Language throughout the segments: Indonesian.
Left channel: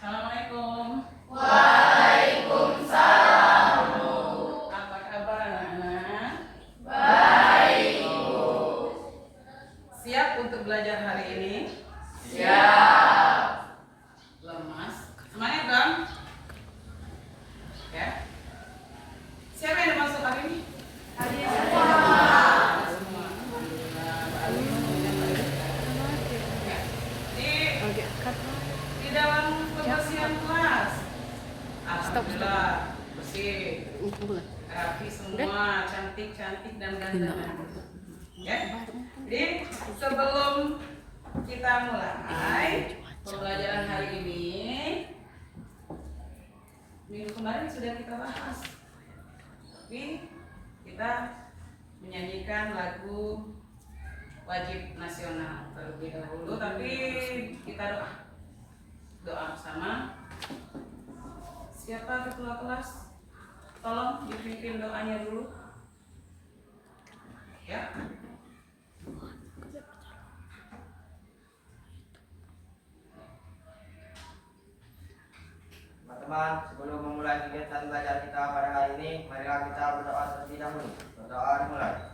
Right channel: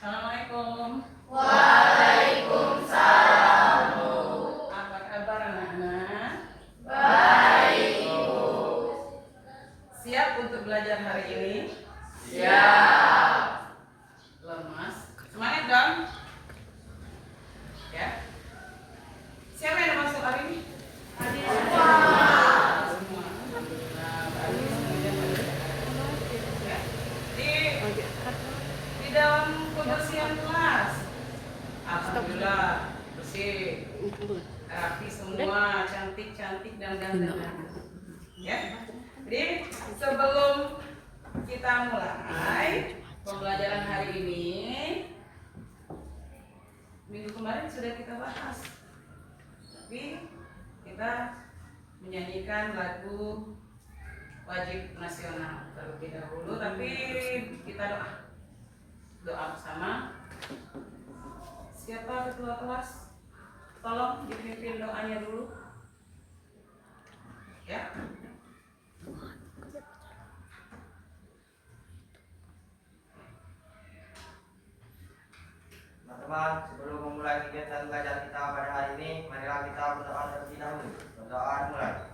Assalamualaikum. Waalaikumsalam. Apa kabar anak-anak? Baik, Bu. Siap untuk belajar hari ini? Siap. Lemas? Semangat dong? Ya. Siapa yang masuk hari ini? Semua. Alhamdulillah. Baru semuanya pada. Ya. Di dalam kebersihan kelas. Alhamdulillah bersih. Rapi semua, cantik-cantik dan ganteng. Ya. Jadi sebelum kita mulai pembelajaran hari ini, minggu kemarin sudah kita bahas. Tapi kita menyanyikan lagu wajib nasional terlebih dahulu, tapi kita doa bersama. Siapa ketua kelas? Tolong dipimpin doanya dulu. Ya. Teman-teman, sebelum memulai kegiatan belajar kita pada hari ini, marilah kita berdoa terlebih dahulu. Berdoa dimulai.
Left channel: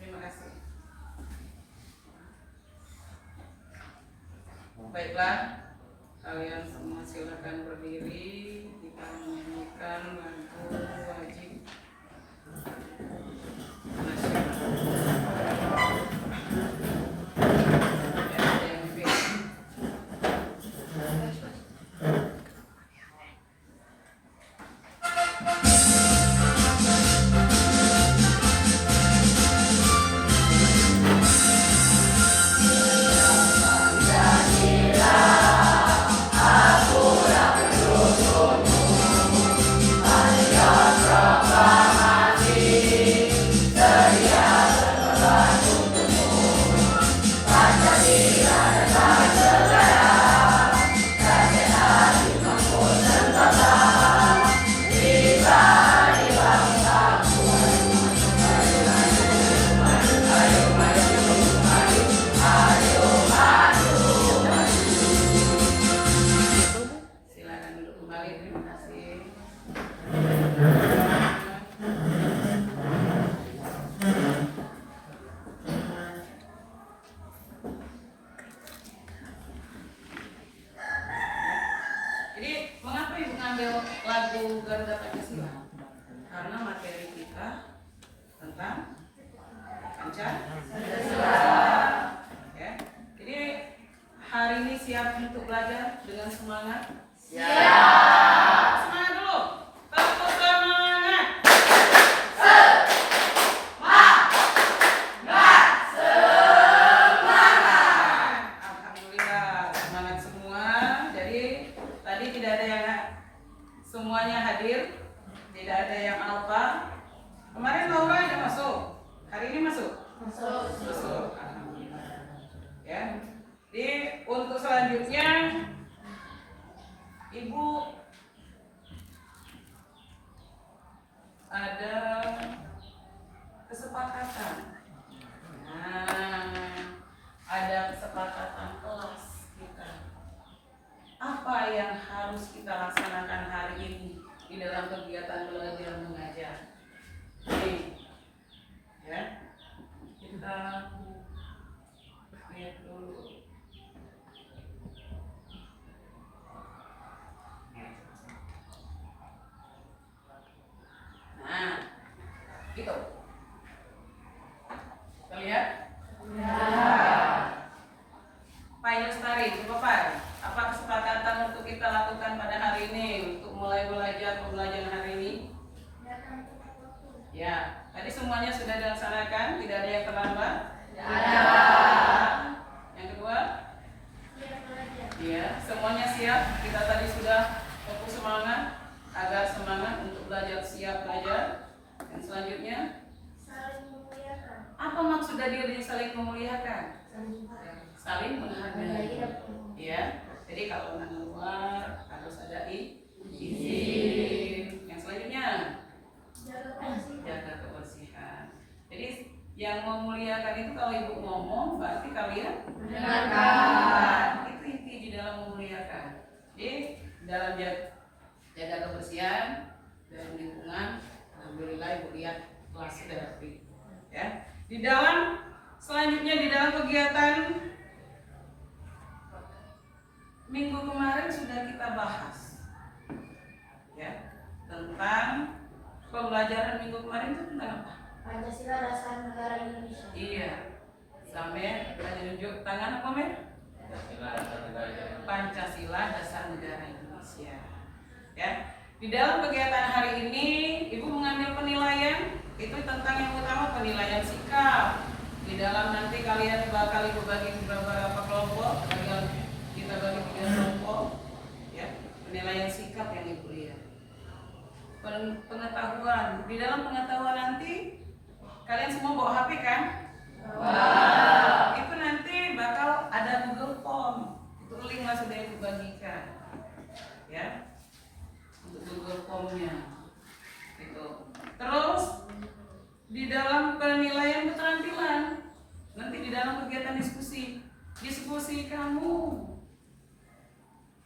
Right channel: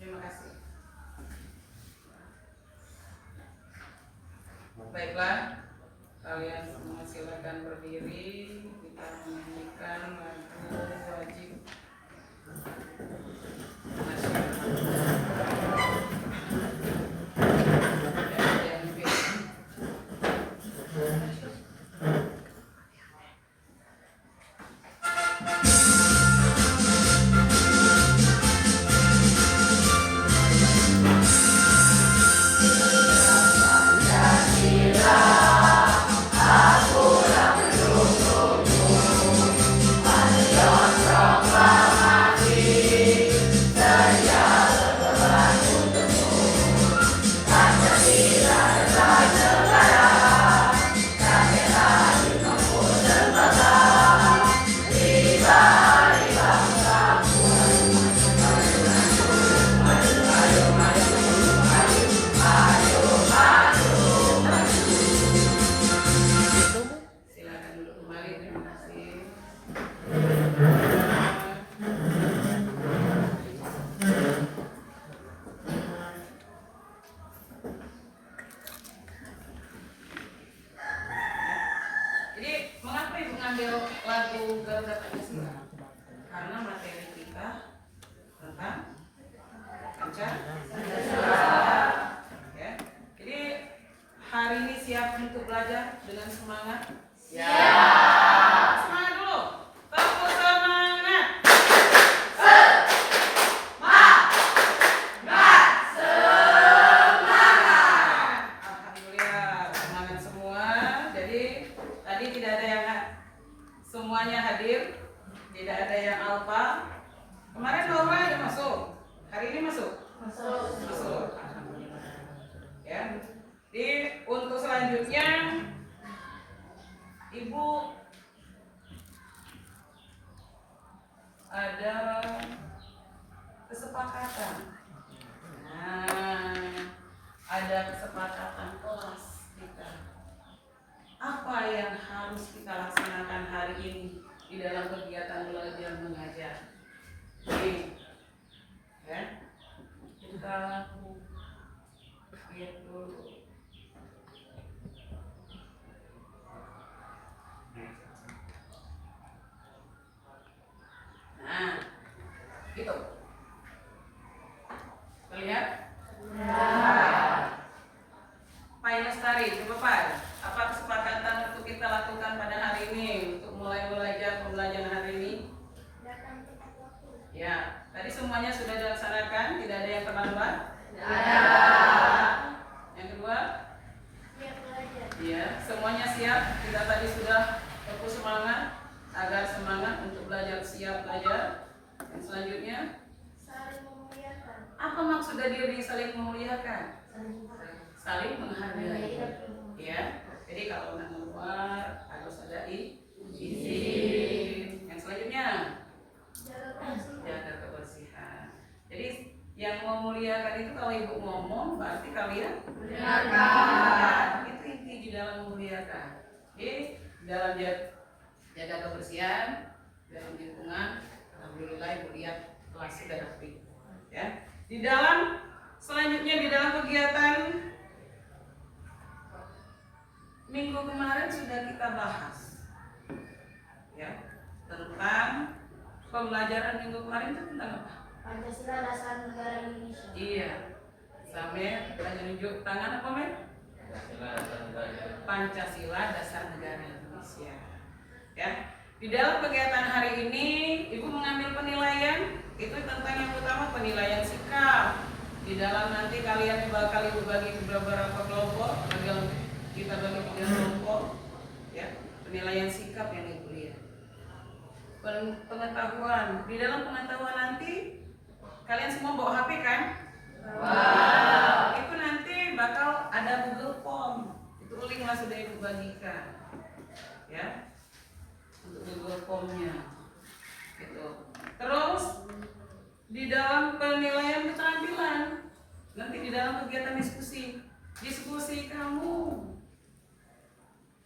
Terima kasih. Baiklah, kalian semua silakan berdiri. Kita menyanyikan lagu wajib nasional. Ya, yang dipilih. Silakan duduk kembali. Terima kasih. Jadi mengapa ibu ngambil lagu Garuda Pancasila? Karena materi kita tentang Pancasila. Ya. Jadi hari ini siap untuk belajar dengan semangat? Siap. Semangat dulu. Tepuk semangat. Alhamdulillah semangat semua. Jadi tadi tidak ada yang semuanya hadir, tidak ada yang alfa. Kemarin Laura ada masuk, hari ini masuk. Masuk. Alhamdulillah. Ya. Jadi untuk selanjutnya Ibu ada kesepakatan. Nah, ada kesepakatan kelas kita. Apa yang harus kita laksanakan hari ini di dalam kegiatan belajar mengajar? Ini, ya, kita lihat dulu. Nah, Gitu. Terlihat? Pak Lestari, Bapak, apa kesepakatan untuk kita lakukan pada hari ini untuk mulai belajar pembelajaran hari ini? Ya, tadi semuanya sudah dilaksanakan, tidak ada yang terlambat? Tidak ada. Yang kedua? Siap belajar. Iya, semuanya siap. Kita tadi sudah fokus semangat agar semangat untuk belajar, siap belajar. Dan selanjutnya? Saling memuliakan. Apa maksud dari saling memuliakan? Saling menghargai. Ya, jadi kalau nang luar harus ada izin. Yang selanjutnya? Jaga kebersihan. Jadi yang memuliakan itu kalau ibu ngomong berarti kalian mendengarkan. Itu inti di dalam memuliakan. Jadi dalam jaga kebersihan dalam lingkungan, alhamdulillah ibu lihat kelas sudah rapi. Ya. Di dalam selanjutnya di dalam kegiatan minggu kemarin sudah kita bahas, ya, tentang pembelajaran minggu kemarin itu tentang apa? Pancasila Dasar Negara Indonesia. Iya, sampai nunjuk tangan apa men? Pancasila Dasar Negara Indonesia. Ya, di dalam kegiatan hari ini ibu mengambil penilaian itu tentang yang utama penilaian sikap. Di dalam nanti kalian bakal ibu bagi beberapa kelompok, kita bagi 3 kelompok, ya, penilaian sikap yang ibu lihat. Pengetahuan, di dalam pengetahuan nanti kalian semua bawa HP kan? Wow. Itu nanti bakal ada Google Form, itu link lah sudah ibu bagikan, ya, untuk Google Formnya, gitu. Terus di dalam penilaian keterampilan, nanti di dalam kegiatan diskusi kamu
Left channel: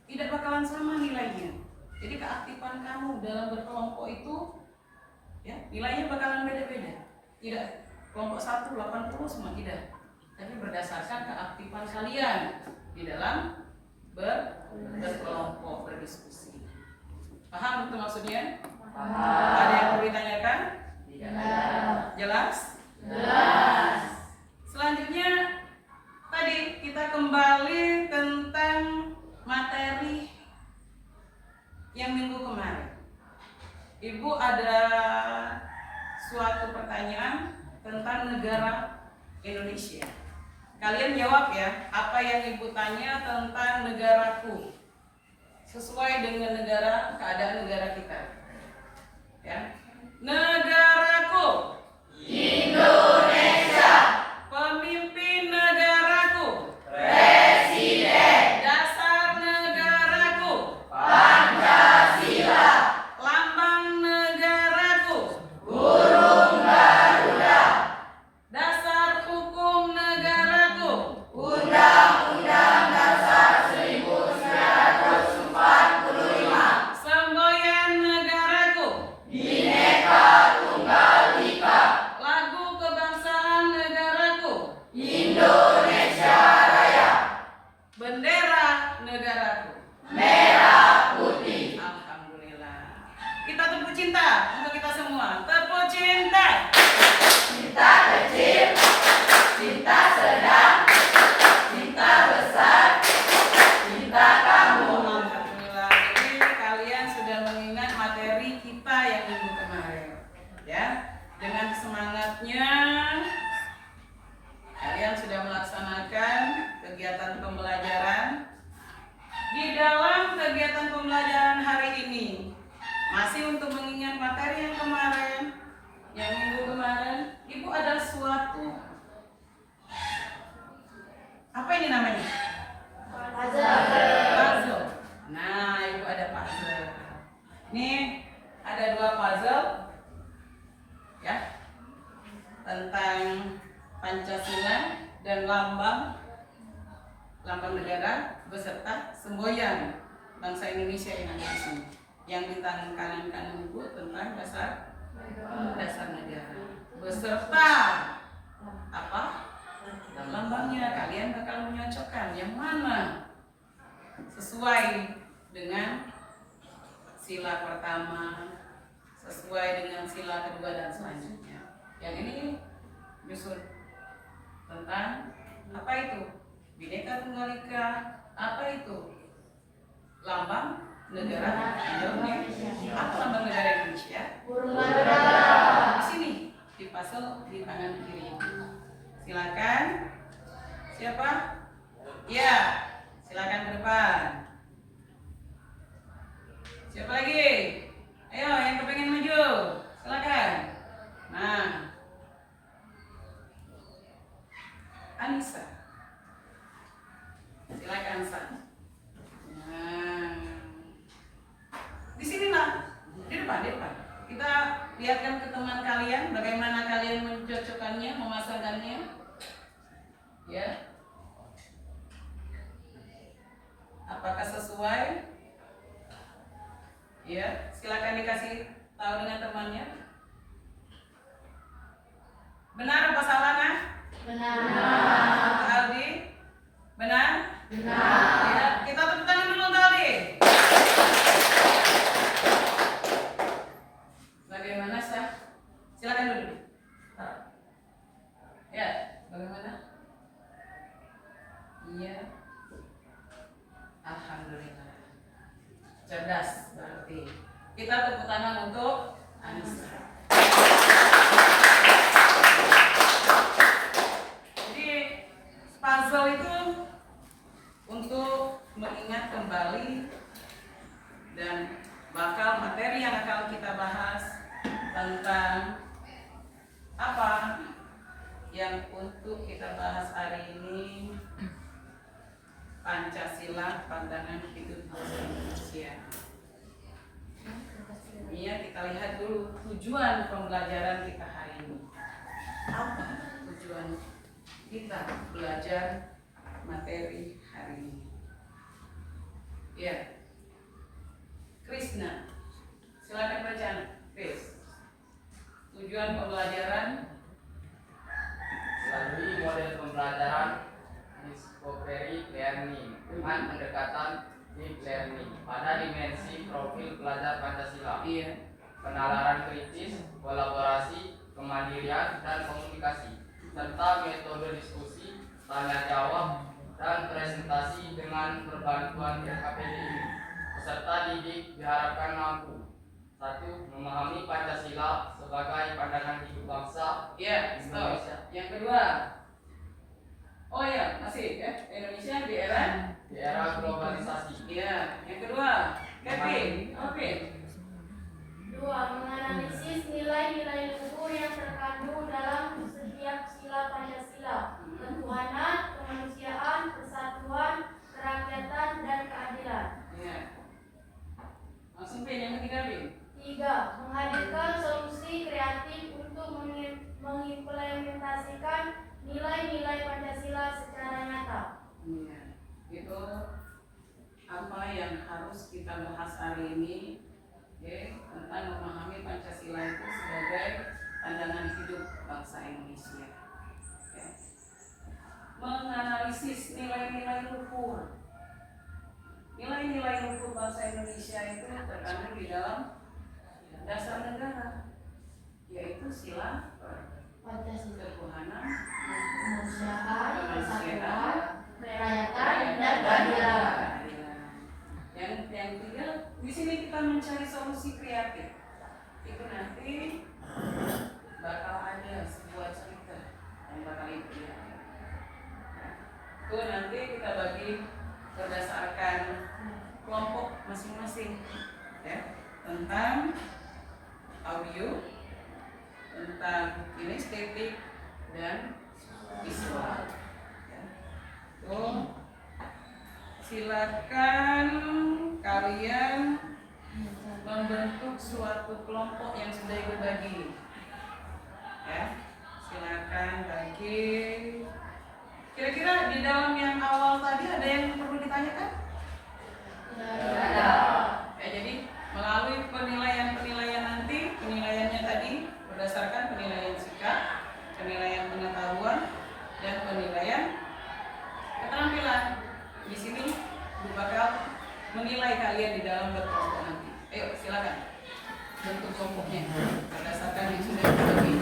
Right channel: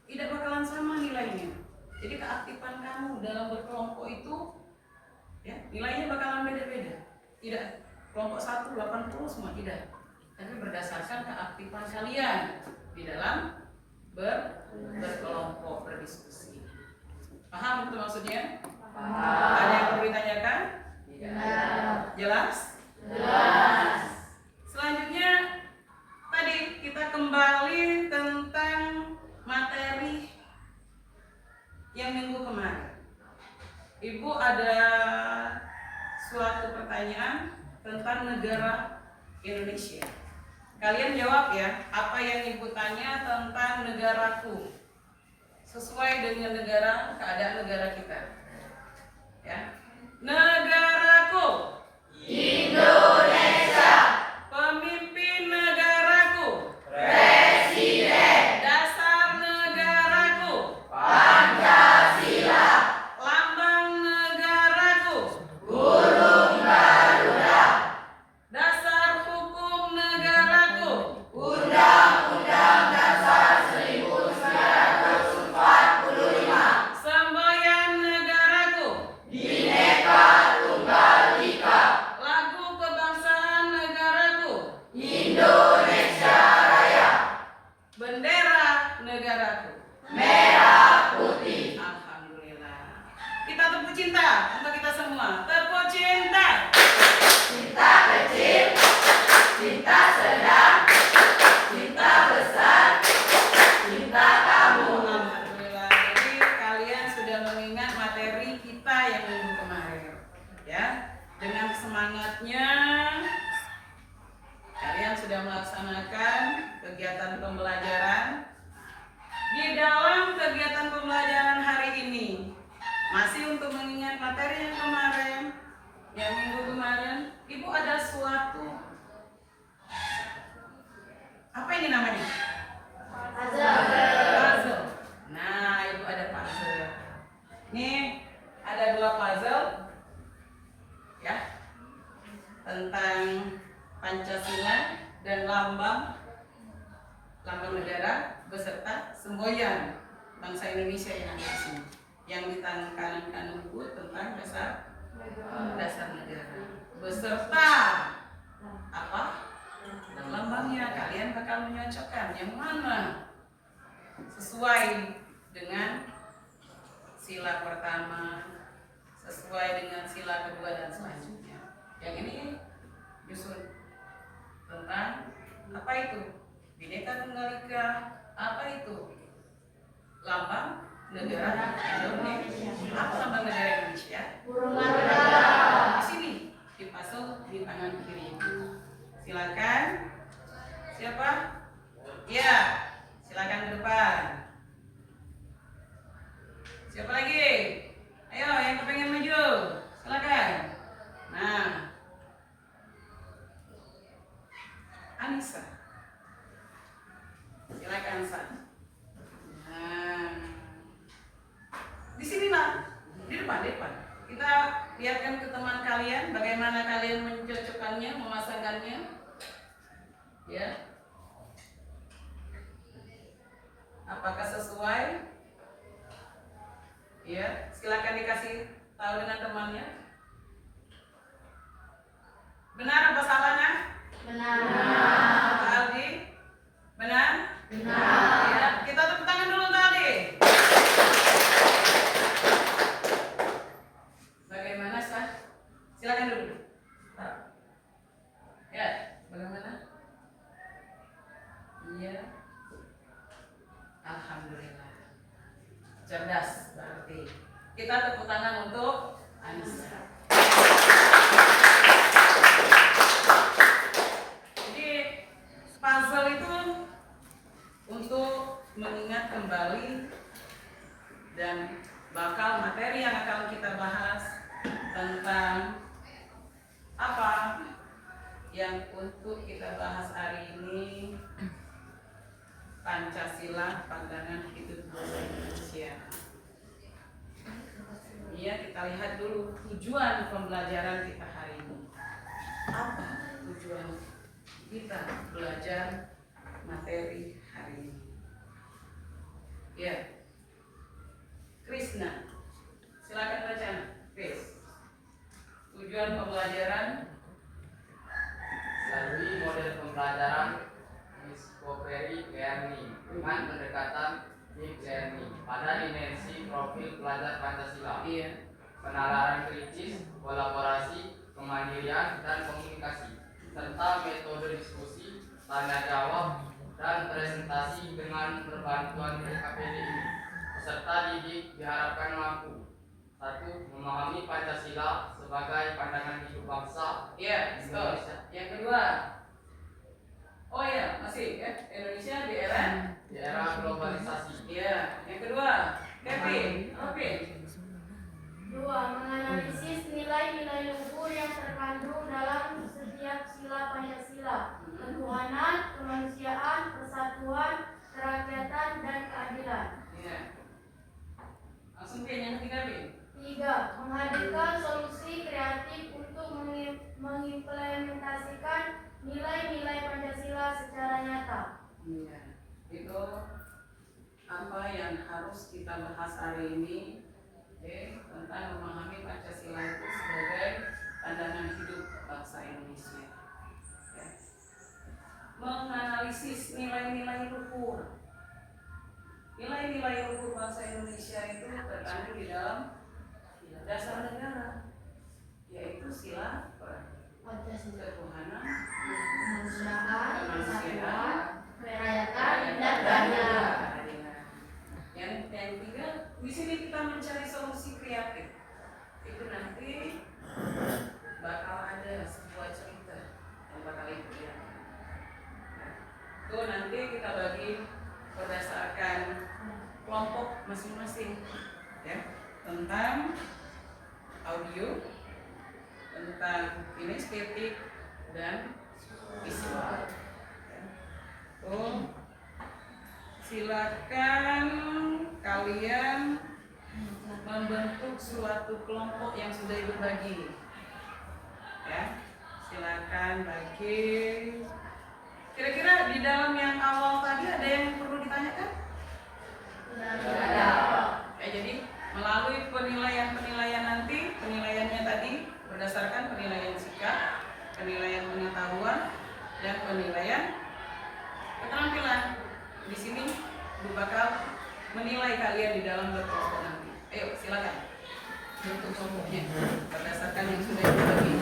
tidak bakalan sama nilainya. Jadi keaktifan kamu dalam berkelompok itu, ya, nilainya bakalan beda-beda. Tidak kelompok 1 80 semua tidak, tapi berdasarkan keaktifan kalian di dalam berkelompok berdiskusi. Paham itu maksudnya? Paham. Ada yang perlu ditanyakan? Tidak. Jelas? Jelas. Selanjutnya tadi kita kembali tentang materi yang minggu kemarin. Ibu ada suatu pertanyaan tentang negara Indonesia. Kalian jawab ya, apa yang ibu tanya tentang negaraku sesuai dengan keadaan negara kita. Ya. Negaraku Indonesia. Pemimpin negaraku Presiden. Dasar negaraku Pancasila. Lambang negaraku burung garuda. Dasar hukum negaraku Undang-Undang Dasar 1945. Semboyan negaraku Bhinneka Tunggal Ika. Lagu kebangsaan negaraku Indonesia Raya. Bendera negaraku merah putih. Alhamdulillah. Kita tepuk cinta untuk kita semua. Tepuk cinta. Cinta kecil, cinta sedang, cinta besar, cinta kamu. Alhamdulillah. Jadi kalian sudah mengingat materi kita yang minggu kemarin, ya. Dengan semangatnya kalian sudah melaksanakan kegiatan pembelajaran. Di dalam kegiatan pembelajaran hari ini masih untuk mengingat materi yang kemarin, yang minggu kemarin, ibu ada suatu apa ini namanya? Puzzle. Nah, ibu ada puzzle. Ini ada 2 puzzle, ya, tentang Pancasila dan lambang negara beserta semboyan bangsa Indonesia yang ada di sini. Yang di tangan kanan ibu tentang dasar negara beserta apa? Lambangnya. Kalian bakal menyocokkan yang mana sesuai dengan sila pertama, sesuai dengan sila kedua dan selanjutnya. Yang ini nyusun tentang apa itu Bhinneka Tunggal Ika, apa itu lambang negara Indonesia, apa lambang negara Indonesia? Burung margana. Di sini dipasang di tangan kiri. Silakan. Siapa? Ya, silakan ke depan. Siapa lagi? Ayo, yang kepengen maju, silakan. Nah, Anissa, silakan Sa. Nah, di sinilah, di depan. Kita lihatkan ke teman kalian bagaimana kalian mencocokkannya, memasangkannya. Ya. Apakah sesuai? Ya, silakan dikasih tahu dengan temannya. Benar apa salah, Nah? Benar. Pak Aldi? Benar? Benar. Ya, kita tepuk tangan dulu untuk Aldi. Bagaimana, Sah? Silakan dulu. Ya, bagaimana? Iya. Alhamdulillah. Cerdas berarti. Kita tepuk tangan untuk Anissa. Jadi puzzle itu untuk mengingat kembali dan bakal materi yang akan kita bahas tentang apa yang untuk kita bahas hari ini. Pancasila, pandangan hidup bangsa Indonesia. Iya, kita lihat dulu tujuan pembelajaran kita hari ini. Apa tujuan kita belajar materi hari ini? Ya, Krishna, silakan baca, Chris. Tujuan pembelajaran. Lalui model pembelajaran Discovery Learning dengan pendekatan Deep Learning pada dimensi profil pelajar Pancasila, Iya. penalaran kritis, kolaborasi, kemandirian, dan komunikasi, serta metode diskusi, tanya jawab, dan presentasi dengan berbantuan PKPD ini. Peserta didik diharapkan mampu: 1. Memahami Pancasila sebagai pandangan hidup bangsa Ya, stop. Indonesia Yang kedua. Oh ya, masih ya. Indonesia di era globalisasi. Iya. Yang kedua, Kevin. Oke. 2. Menganalisis nilai-nilai luhur yang terkandung dalam setiap sila Pancasila: ketuhanan, kemanusiaan, persatuan, kerakyatan, dan keadilan. Iya. Langsung Pin, yang ketiga Pin. 3. Menghadirkan solusi kreatif untuk mengimplementasikan nilai-nilai Pancasila secara nyata. Iya. Itu apa yang harus kita bahas hari ini, tentang memahami Pancasila itu sebagai pandangan hidup bangsa Indonesia. Ya. Menganalisis nilai-nilai luhur. Nilai-nilai luhur bangsa Indonesia itu terkandung di dalam dasar negara, yaitu sila Pancasila: ketuhanan, kemanusiaan, persatuan, kerakyatan, kerakyatan, dan keadilan. Yang ketiga, di sini kita mencari solusi kreatif. Itu nanti bakal ada sebuah cerita yang bakal itu ya. Itu nanti kita bagi berdasarkan kelompok masing-masing, ya, tentang audio, tentang kinestetik dan visual. Silakan kalian membentuk suatu kelompok yang sudah ibu bagi. Ya, silakan bagi. Kira-kira di dalam yang awal tadi ada yang perlu ditanyakan? Tidak ada. Ya, jadi melalui penilaian-penilaian nanti, penilaiannya tadi berdasarkan penilaian sikap, penilaian pengetahuan, dan penilaian keterampilan. Di sini Bu bakal menilai kalian di dalam berkelompok nanti. Ayo silakan bentuk kelompoknya berdasarkan yang sudah dibagi.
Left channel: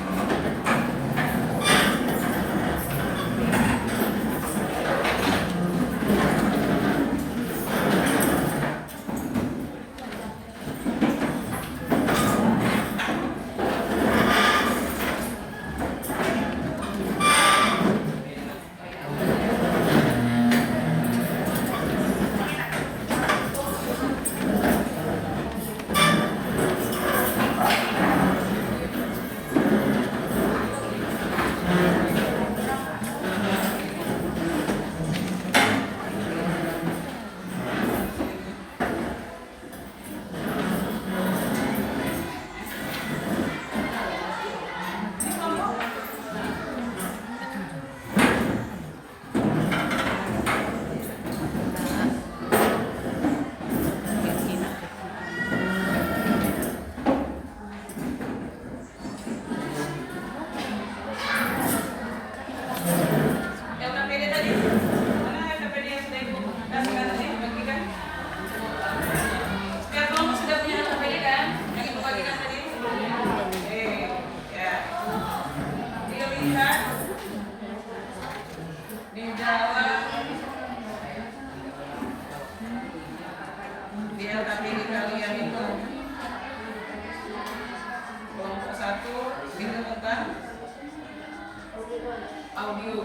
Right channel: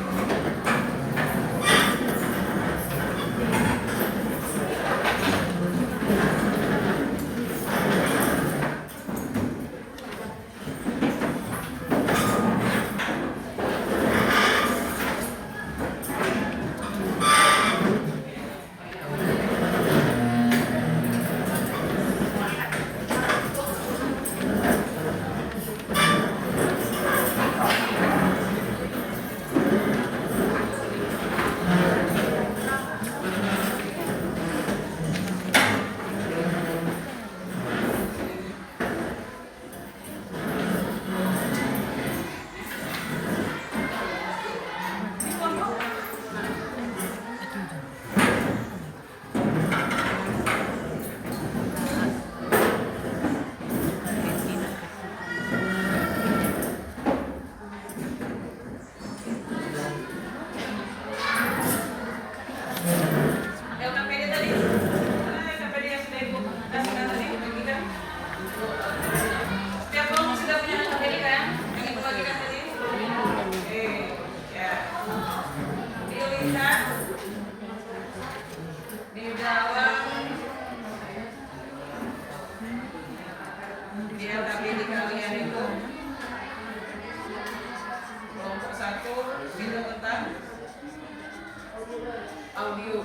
audio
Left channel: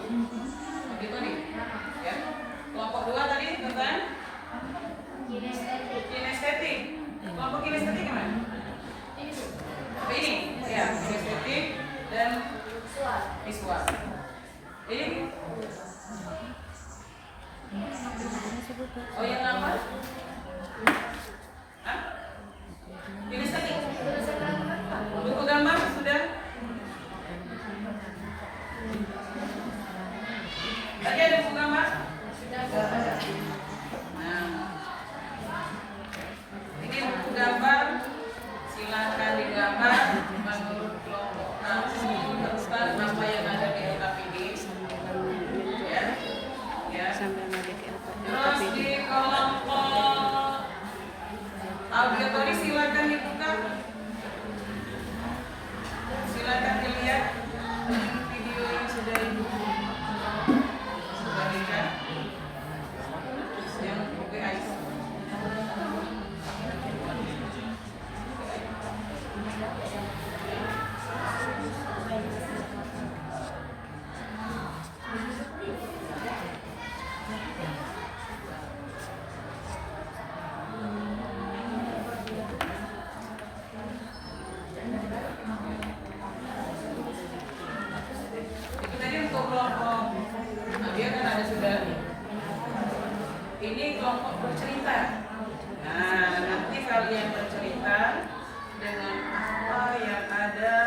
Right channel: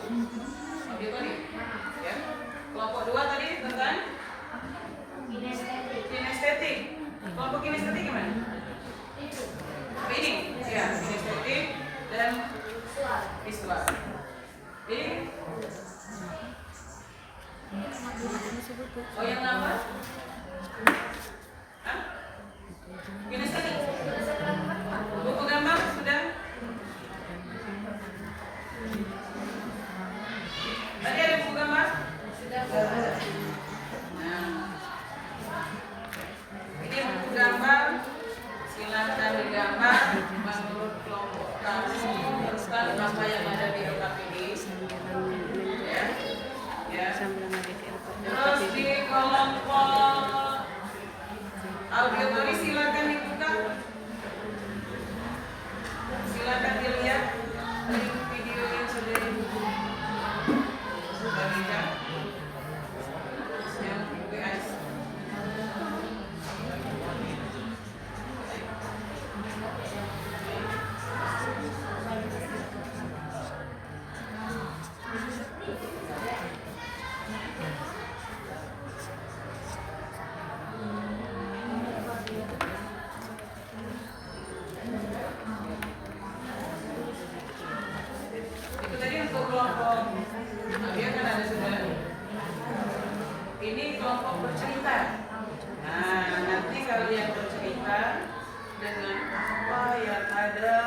tadi ya. Kelompok 2 tadi tentang kinestetik. Kelompok kinestetik gimana? Ini ya, kinestetik dan visual. Ini oh yang lama? Hah? Kinestetik. Buku gambar sudah? Tadi ada buku gambar? Sudah ada. Nah, ini buku gambar. Silakan digambar menurut kelompok kamu tentang apa yang ada di LKPD. Ya, ya. Terus di kelompok auditori silakan dibuka. Silakan dilihat video yang sudah dibuka. Yang guys. Itu tadi untuk kelompok. Nah, dia kan ada sudah. Ini kelompok bercerita. Nah, nanti kalian bercerita dengan apa yang ada.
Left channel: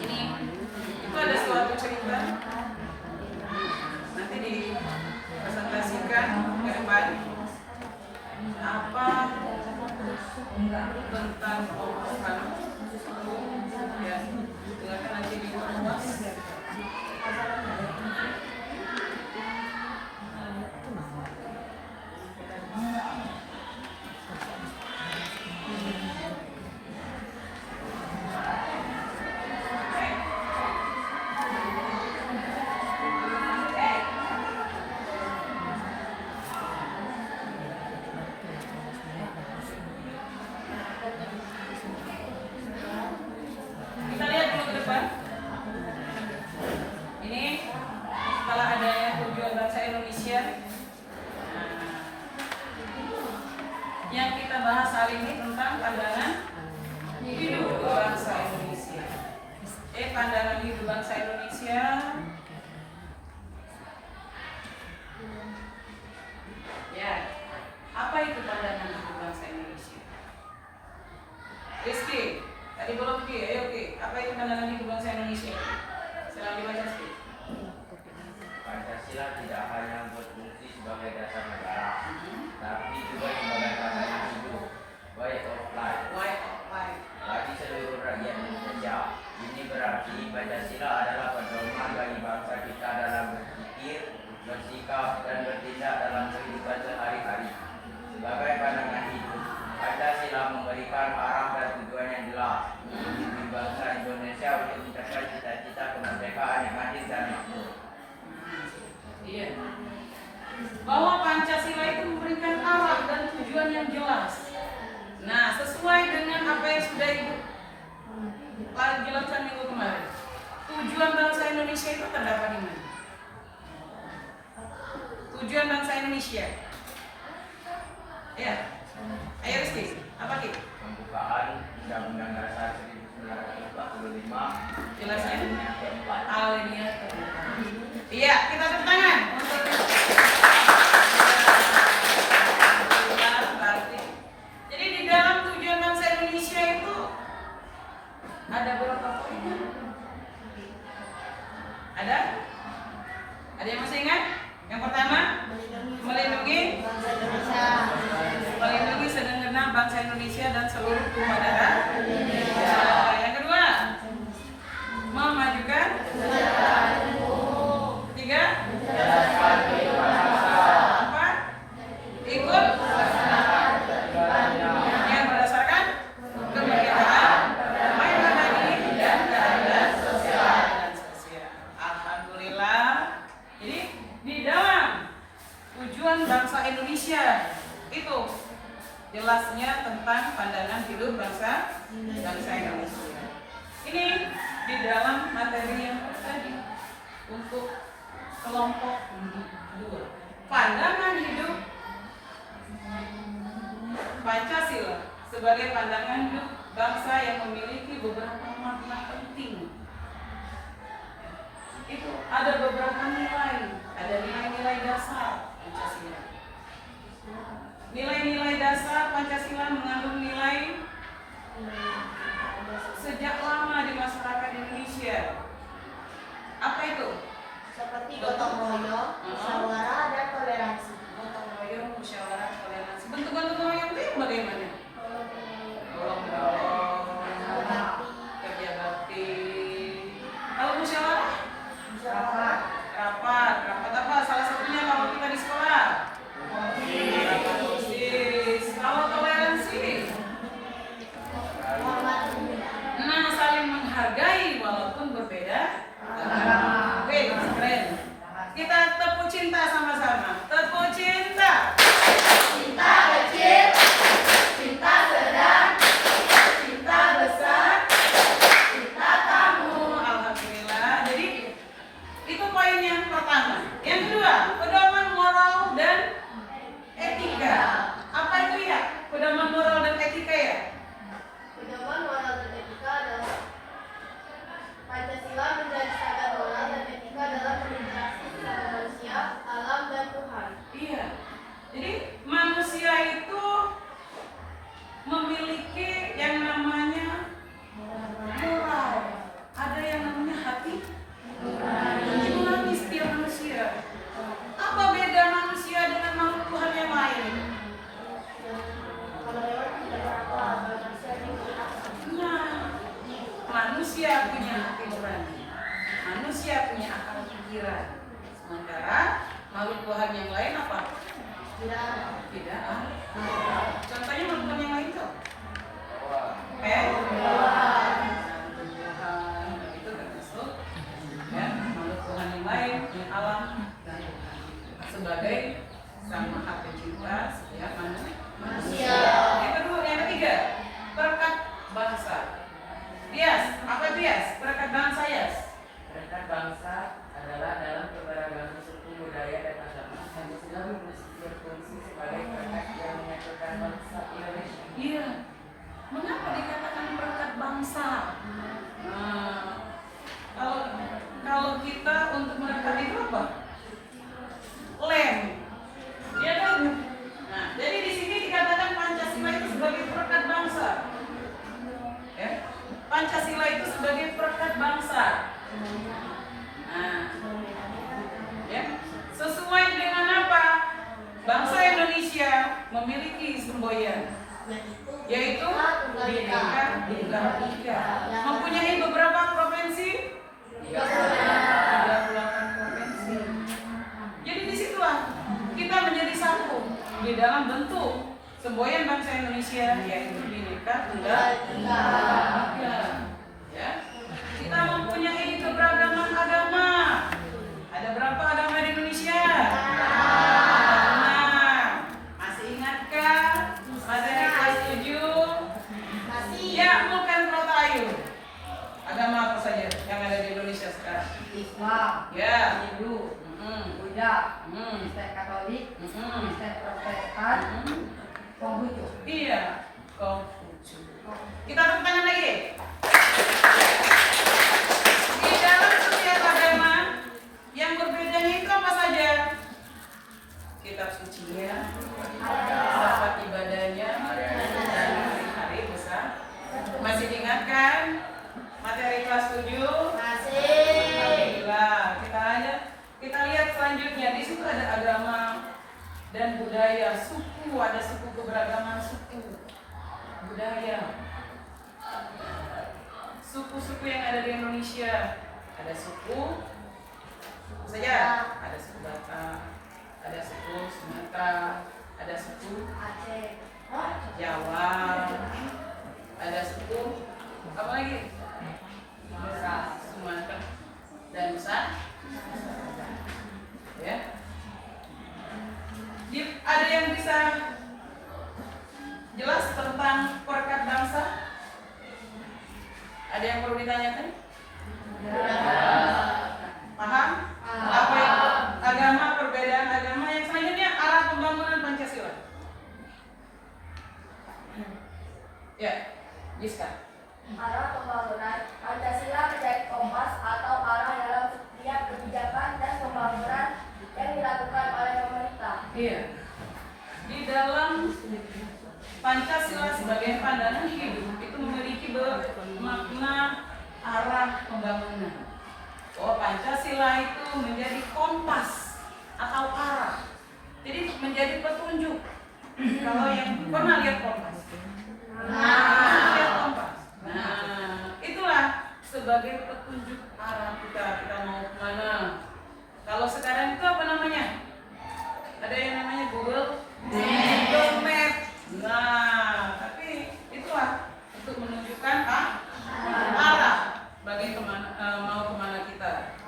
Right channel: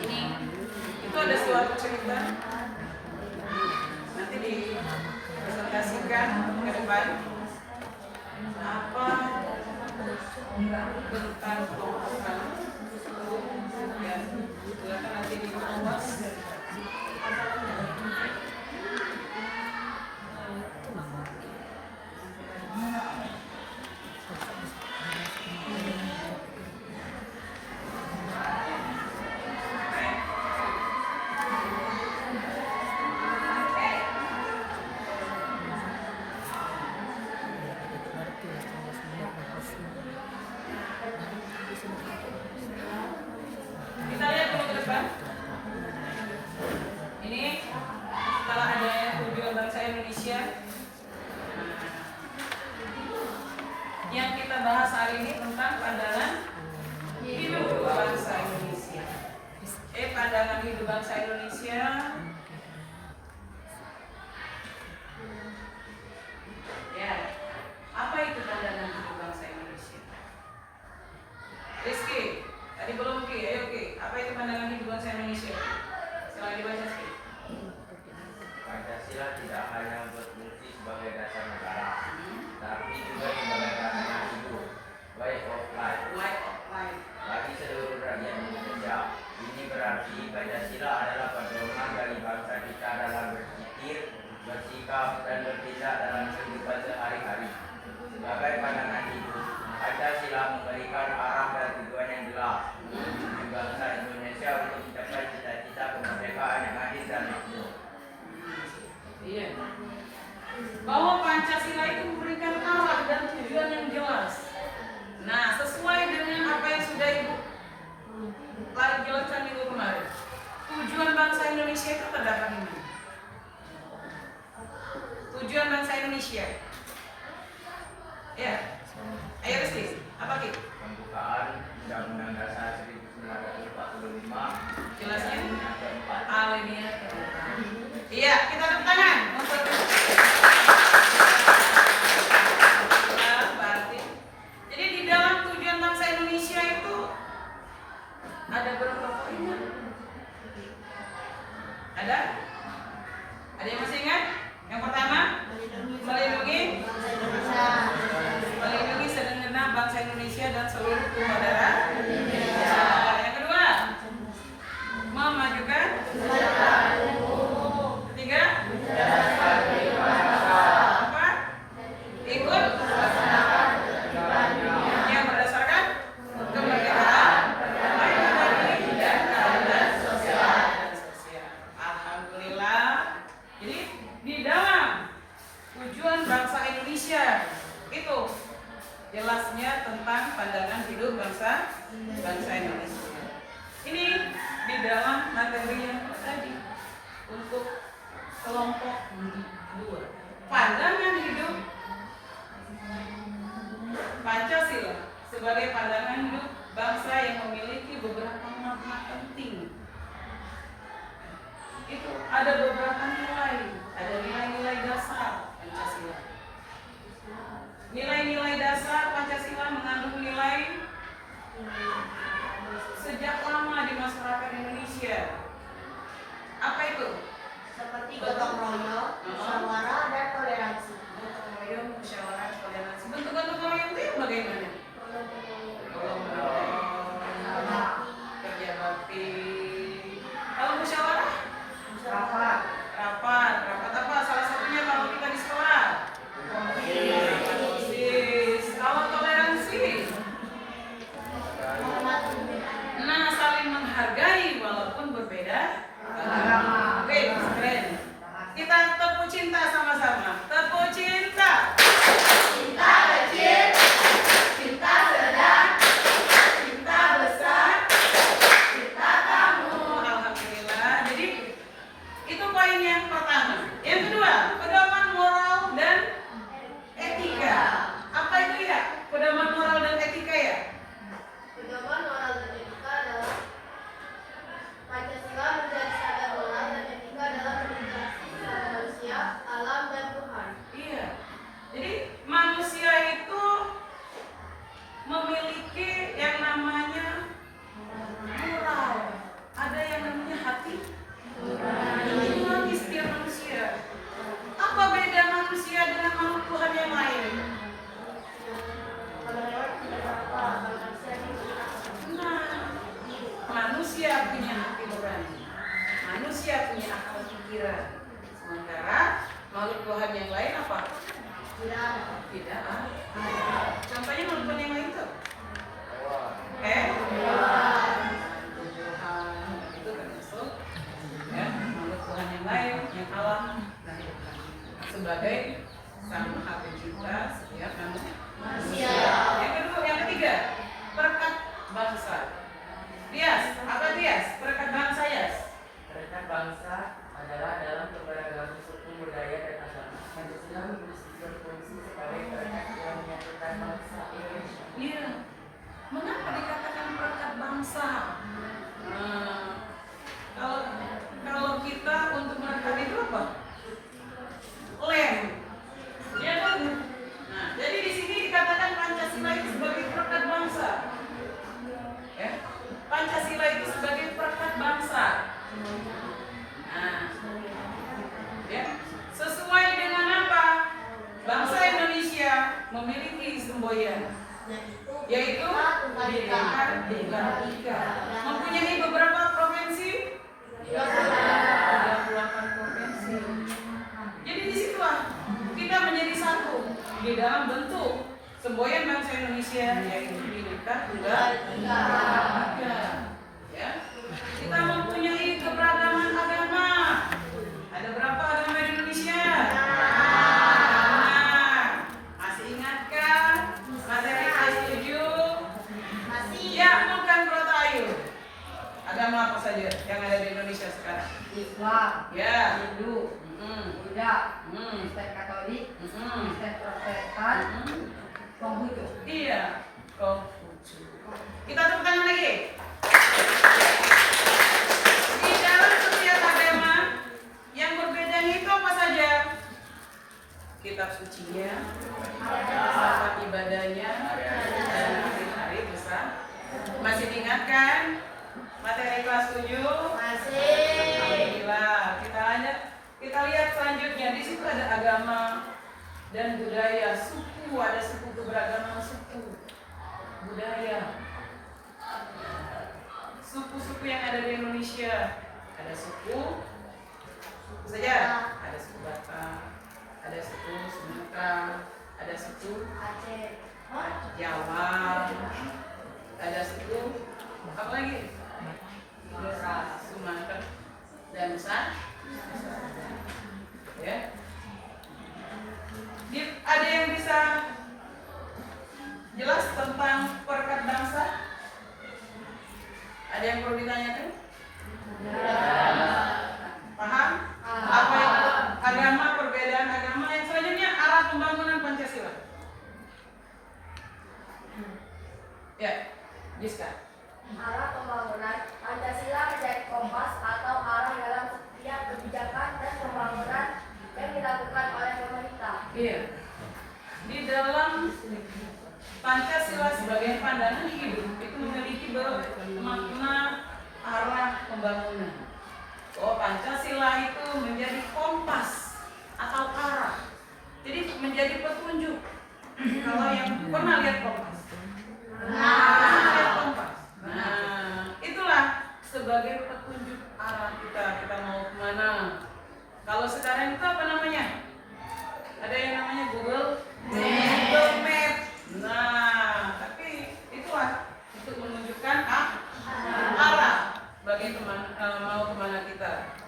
Ini itu ada suatu cerita. Nanti dipresentasikan ke depan. Apa tentang kelompok kamu? Ya, silakan nanti dibuat. Kita lihat dulu ke depan. Ini setelah adanya tujuan bangsa Indonesia. Yang kita bahas hari ini tentang pandangan hidup bangsa Indonesia. Pandangan hidup bangsa Indonesia. Ya, apa itu pandangan hidup bangsa Indonesia? Rizky, tadi belum Ki, ayo Ki, apa itu pandangan hidup bangsa Indonesia? Silahkan dibaca Ki. Pancasila tidak hanya berfungsi sebagai dasar negara, tapi juga sebagai pandangan hidup, way of life, bagi seluruh rakyat Indonesia. Ini berarti Pancasila adalah pedoman bagi bangsa kita dalam berpikir, bersikap, dan bertindak dalam kehidupan sehari-hari. Sebagai pandangan hidup, Pancasila memberikan arah dan tujuan yang jelas bagi bangsa Indonesia untuk mencapai cita-cita kemerdekaan yang adil dan makmur. Iya. Bahwa Pancasila itu memberikan arah dan tujuan yang jelas. Nah, sesuai dengan apa yang sudah Ibu jelaskan minggu kemarin. Tujuan bangsa Indonesia itu terdapat di mana? Tujuan bangsa Indonesia. Ya. Ayo Rizky, apa Ki? Pembukaan Undang-Undang Dasar 1945. Jelasnya? Yang keempat. Alinea keempat. Iya, kita tepuk tangan untuk berarti. Jadi di dalam tujuan bangsa Indonesia itu ada berapa poinnya? Ada? Ada yang masih ingat? Yang pertama, melindungi segenap bangsa Indonesia dan seluruh tumpah darah. Yang kedua, memajukan. Ketiga, empat, ikut yang berdasarkan kemerdekaan, mandiri dan keadilan sosial. Alhamdulillah. Jadi di dalam tujuan bangsa Indonesia itu jelasnya tentang pandangan hidup bangsa Indonesia. Ini di dalam materi yang tadi untuk kelompok 2. Pandangan hidup Pancasila sebagai pandangan hidup bangsa yang memiliki beberapa makna penting. Itu ada beberapa nilai, ada nilai-nilai dasar Pancasila. Nilai-nilai dasar Pancasila mengandung nilai sejak lama di masyarakat Indonesia. Apa itu? Seperti gotong royong, musyawarah, dan toleransi. Gotong royong, musyawarah, toleransi. Bentuk gotong royong itu yang bagaimana? Gotong royong, kerja bakti. Kalau musyawarah? Rapat apa? Salah satunya kalau kita di sekolah. Rapat OSIS. Kalau toleransi? Nah, saling menghargai walaupun berbeda. Oke, keren. Kita tepuk cinta sama-sama. Tepuk cinta. Cinta kecil, cinta sedang, cinta besar, cinta tamu. Alhamdulillah. Jadi itu poin yang pertama. Yang kedua, pedoman moral dan etika. Apa itu ya? Pedoman moral dan etika ya? Pedoman moral dan etika adalah Pancasila menjadi standar moral dan etika dalam berinteraksi dengan manusia, alam, dan Tuhan. Iya. Jadi manusia itu memiliki yang namanya moral. Ada yang namanya hati nurani setiap manusia. Apa beda manusia dengan makhluk Tuhan yang lain? Kalau lewat tidak apa, kalau manusia diberi akal. Nah, manusia punya hati nurani, manusia punya akal pikiran. Sementara makhluk Tuhan yang lain apa? Tidak ada. Tidak ada. Contohnya makhluk Tuhan yang lain tuh? Tuhan itu termasuk ya makhluk Tuhan yang lain yang Allah dan Tuhan sebagai sang maha pencipta setiap manusia. Yang kedua, yang ketiga, perekat bangsa. Bias, apa bias? Perekat bangsa ya? Perekat bangsa adalah dalam keberagaman suku, budaya, dan agama. Pancasila berfungsi sebagai perekat yang menyatukan bangsa Indonesia. Iya. Mengapa dikatakan perekat bangsa? Nah, kalau kita untuk merekat itu apa? Lem. Ya kan? Nah, jadi di sini dikatakan Pancasila itu sebagai perekat bangsa. Ya. Pancasila itu sebagai perekat bangsa. Nah, ya. Sesuai dengan apa? Bangsa Indonesia memiliki semboyan, yaitu Bhinneka Tunggal Ika. Mempunyai beberapa provinsi, 38 provinsi. Jadi disitulah kita menjadi satu di dalam bentuk semboyan bangsa Indonesia, yaitu Bhinneka Tunggal Ika. Ya, kita mempunyai keberagaman agama. Ada berapa agama di Indonesia? Masih ingatkah materi kelas 7? Masih. Ya, bukan Rotayu. Agama apa saja yang ada di Indonesia sekarang? Islam, Ya. Hindu, Buddha, Kristen Katolik, Kristen Protestan, Konghucu. Iya. Konghucu. Kita tepuk tangan lagi. Di dalam setiap agama yang berbedanya itu apa saja? Kitab sucinya, tempat ibadahnya, dan hari-hari besar. Masih diingatkan materi kelas 7? Masih. Alhamdulillah. Kita lihat selanjutnya. Di situ ada agama dan budaya, suku, ada suku, keberagaman suku, budaya. Suku-suku yang ada di Indonesia, ada suku saja, ada suku Batak, ada suku Sumatera, ada suku Aceh. Jawa, ada suku apa lagi? Sumatera dan Nusa. Ya. Ada yang bisa jelas tentang perekat bangsa? Ada yang perlu ditanyakan? Ya. Paham? Apa itu agama, perbedaan agama? Yang selanjutnya arah pembangunan Pancasila. Ya, Giska. Arah pembangunan Pancasila menjadi kompas atau arah dalam setiap kebijakan dan pembangunan yang dilakukan oleh pemerintah. Iya. Di dalam Pancasila sebagai pandangan hidup itu memiliki makna arah pembangunan. Oh, Pancasila itu menjadi kompas atau arah. Jadi menjadi petunjuk. Kalau yang pernah lihat kompas. Lihat kompas. Nah, itulah sebagai petunjuk arah kita mau kemana. Kalau sekarang itu apa namanya? Ada yang namanya Google Map. Nah, tapi itulah untuk menunjukkan arah bagi mau kemana kita.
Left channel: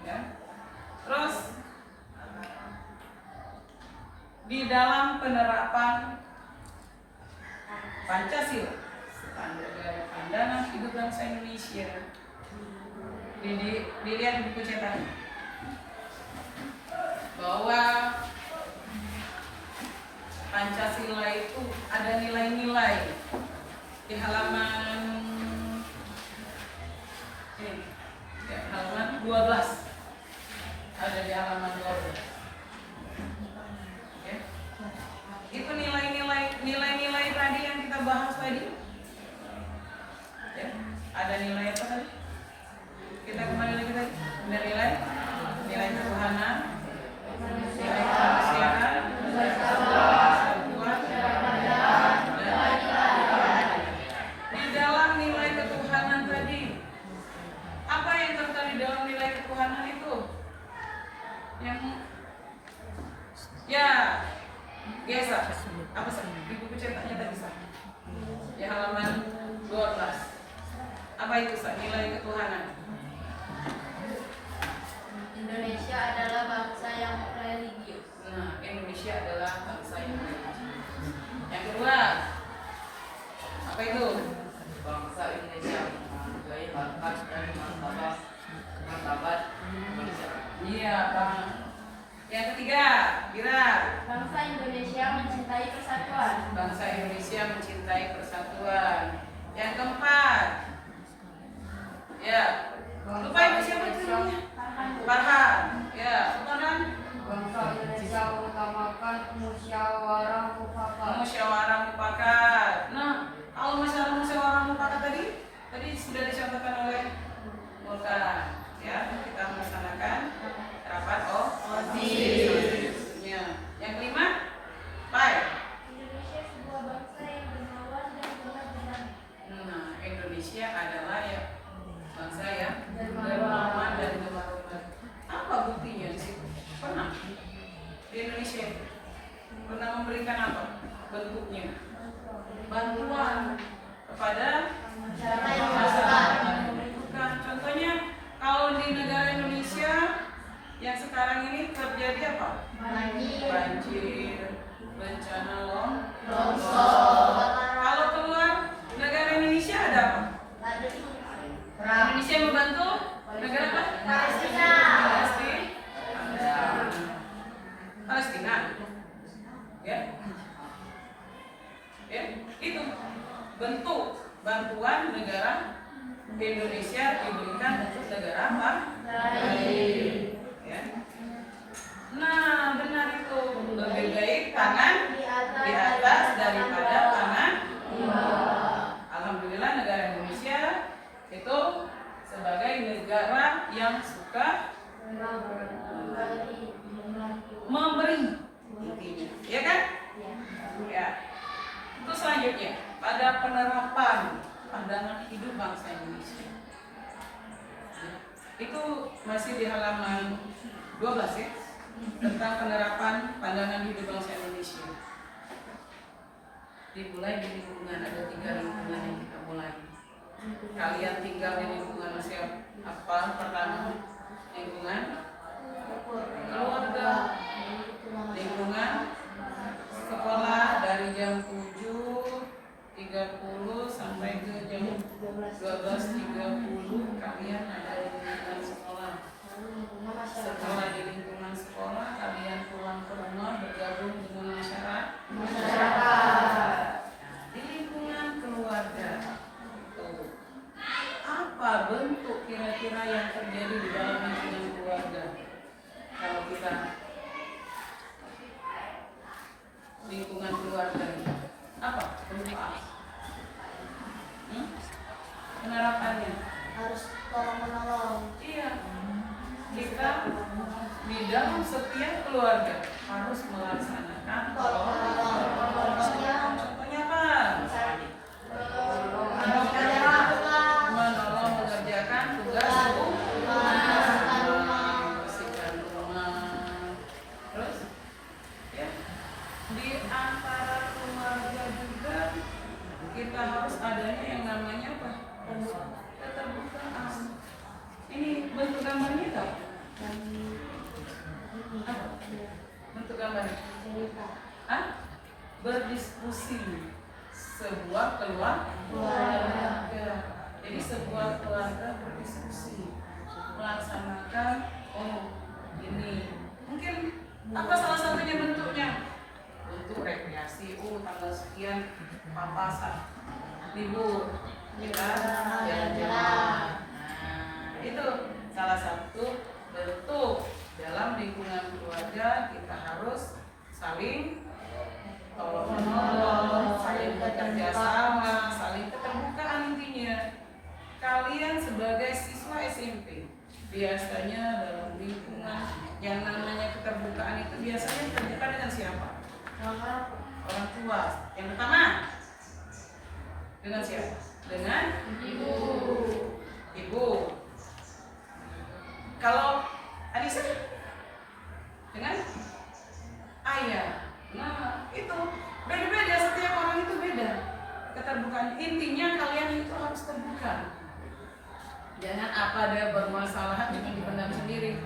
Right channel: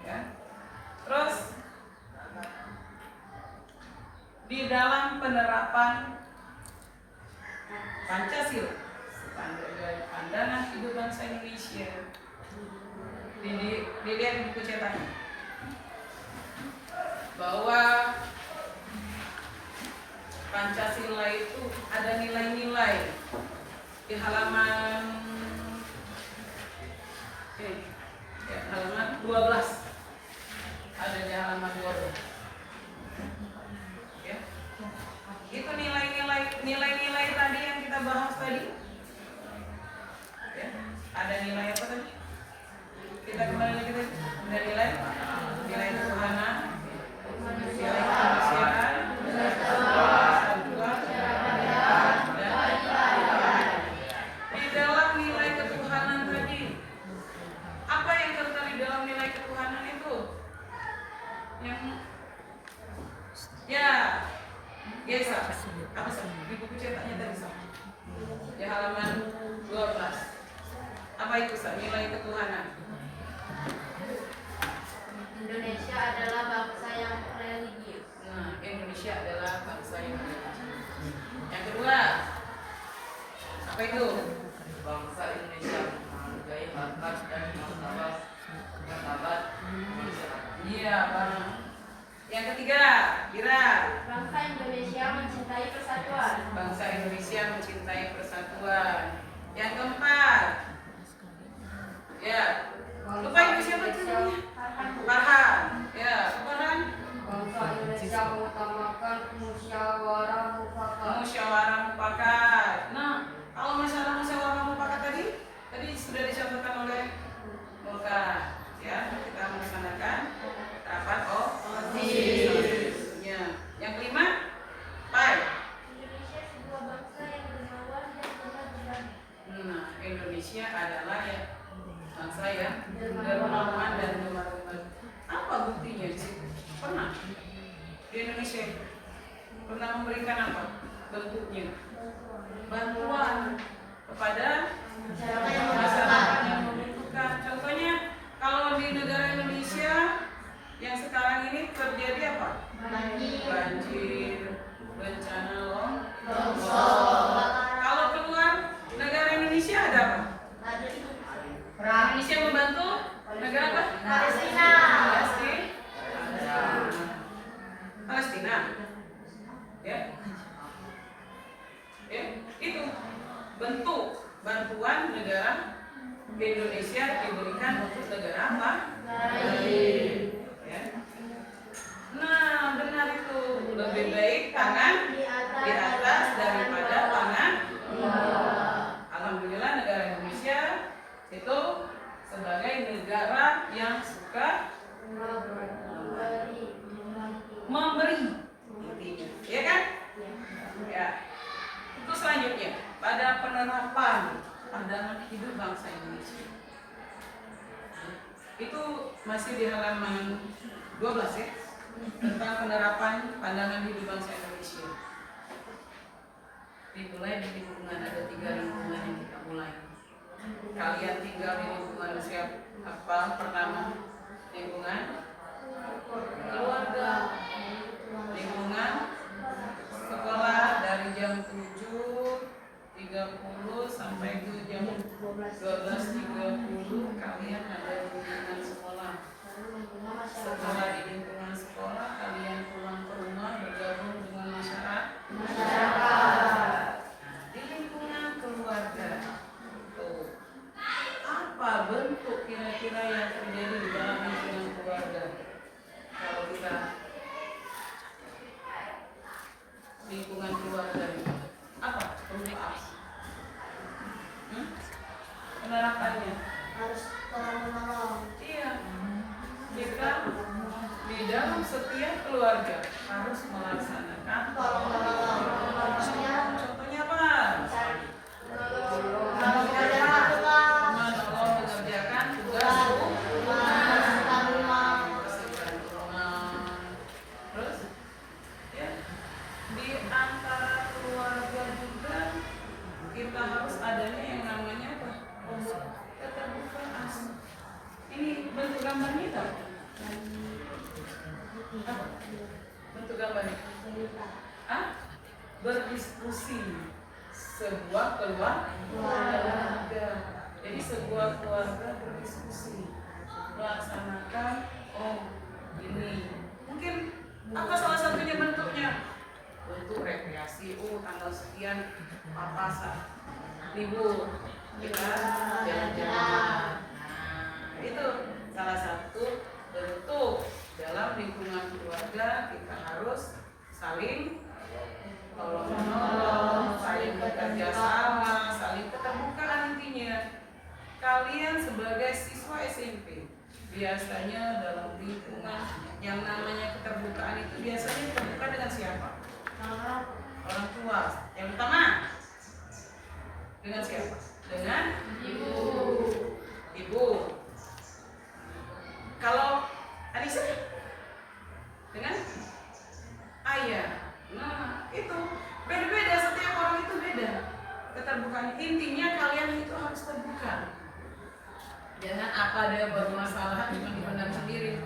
Ya. Terus di dalam penerapan Pancasila, pandangan hidup bangsa Indonesia, dilihat di buku cetakan bahwa Pancasila itu ada nilai-nilai di halaman ini, ya, halaman 12. Ada di halaman 12. Ya. Itu nilai-nilai tadi yang kita bahas tadi. Ya. Ada nilai apa tadi? Kita kembali lagi tadi. Nilai ketuhanan, nilai kemanusiaan, di dalam nilai ketuhanan tadi. Apa yang terkait di dalam nilai ketuhanan itu? Yang ya, Gesa, apa sih? Di buku cetaknya tadi sah. Di halaman 12. Apa itu sah? Nilai ketuhanan. Indonesia adalah bangsa yang religius. Nah, Indonesia adalah bangsa yang religius. Yang kedua, apa itu? Bangsa Indonesia menghargai harkat dan martabat kemanusiaan. Iya, Bang. Yang ketiga, Bira. Bangsa Indonesia mencintai persatuan. Bangsa Indonesia mencintai persatuan. Yang keempat, ya, lupa ibu siapa itu namanya? Farhan. Ya, Farhan. Bangsa Indonesia mengutamakan musyawarah mufakat. Musyawarah mufakat. Nah, kalau musyawarah mufakat tadi sudah dicontohkan oleh Mulka. Ya, kita melaksanakan rapat OSIS. Yang kelima, Pai. Indonesia sebuah bangsa yang dermawan dan benar-benar. Nah, Indonesia adalah ya bangsa yang dermawan dan benar-benar. Apa buktinya sih? Pernah di Indonesia pernah memberikan apa? Bentuknya bantuan kepada masyarakat yang membutuhkan. Contohnya kalau di negara Indonesia yang sekarang ini terjadi apa? Banjir, bencana longsor. Kalau keluar negara Indonesia ada apa? Indonesia membantu negara apa? Palestina. Ya. Ya, itu bentuk bantuan negara Indonesia diberikan untuk negara apa? Ya. Nah, benar itu. Lebih baik tangan di atas daripada tangan. Alhamdulillah negara Indonesia itu sebagai negara yang suka memberi, intinya, ya kan? Ya. Itu selanjutnya pada penerapan pandangan hidup bangsa Indonesia. Itu masih di halaman 12 ya, tentang penerapan pandangan hidup bangsa Indonesia. Dimulai di lingkungan, ada 3 lingkungan yang kita mulai. Kalian tinggal di lingkungan apa? Pertama, lingkungan keluarga, lingkungan sekolah dari jam 7.30 sampai ke jam 12. 12.30 kalian ada di lingkungan sekolah. Setelah di lingkungan sekolah, kalian pulang ke rumah bergabung dengan masyarakat. Nah, di lingkungan keluarga, tuh, apa bentuk kira-kira yang terjadi di dalam lingkungan keluarga? Kalau kita lingkungan keluarga ini, apa? Berupa apa? Penerapannya Harus tolong menolong. iya, kita di dalam setiap keluarga harus melaksanakan Tolong menolong. contohnya apa? Menolong Mengerjakan tugas rumah. bersihkan rumah. Terus ya, di antara keluarga juga kita harus adanya yang namanya apa? Keterbukaan. Ini bentuk gambarnya tak? Apa? Bentuk gambarnya? Ah? Berdiskusi sebuah keluarga. Jadi sebuah keluarga berdiskusi melaksanakan ini. Mungkin apa salah satunya bentuknya? Untuk rekreasi. Tanggal sekian papasan libur kita jalan-jalan. Nah, itu salah satu bentuk dalam lingkungan keluarga kita harus saling tolong menolong, saling bekerja sama, saling keterbukaan. Intinya kalian sebagai siswa SMP biasanya dalam lingkungan yang namanya keterbukaan itu biasanya terbuka dengan siapa? Orang tua. Yang pertama dengan siapa? Dengan ibu. Kalau Anissa dengan ayah. Nah, itu beda-beda, setiap orang itu beda keterbukaan. Intinya kalian itu harus terbuka. Jangan apa ada bermasalah cuma dipendam sendiri.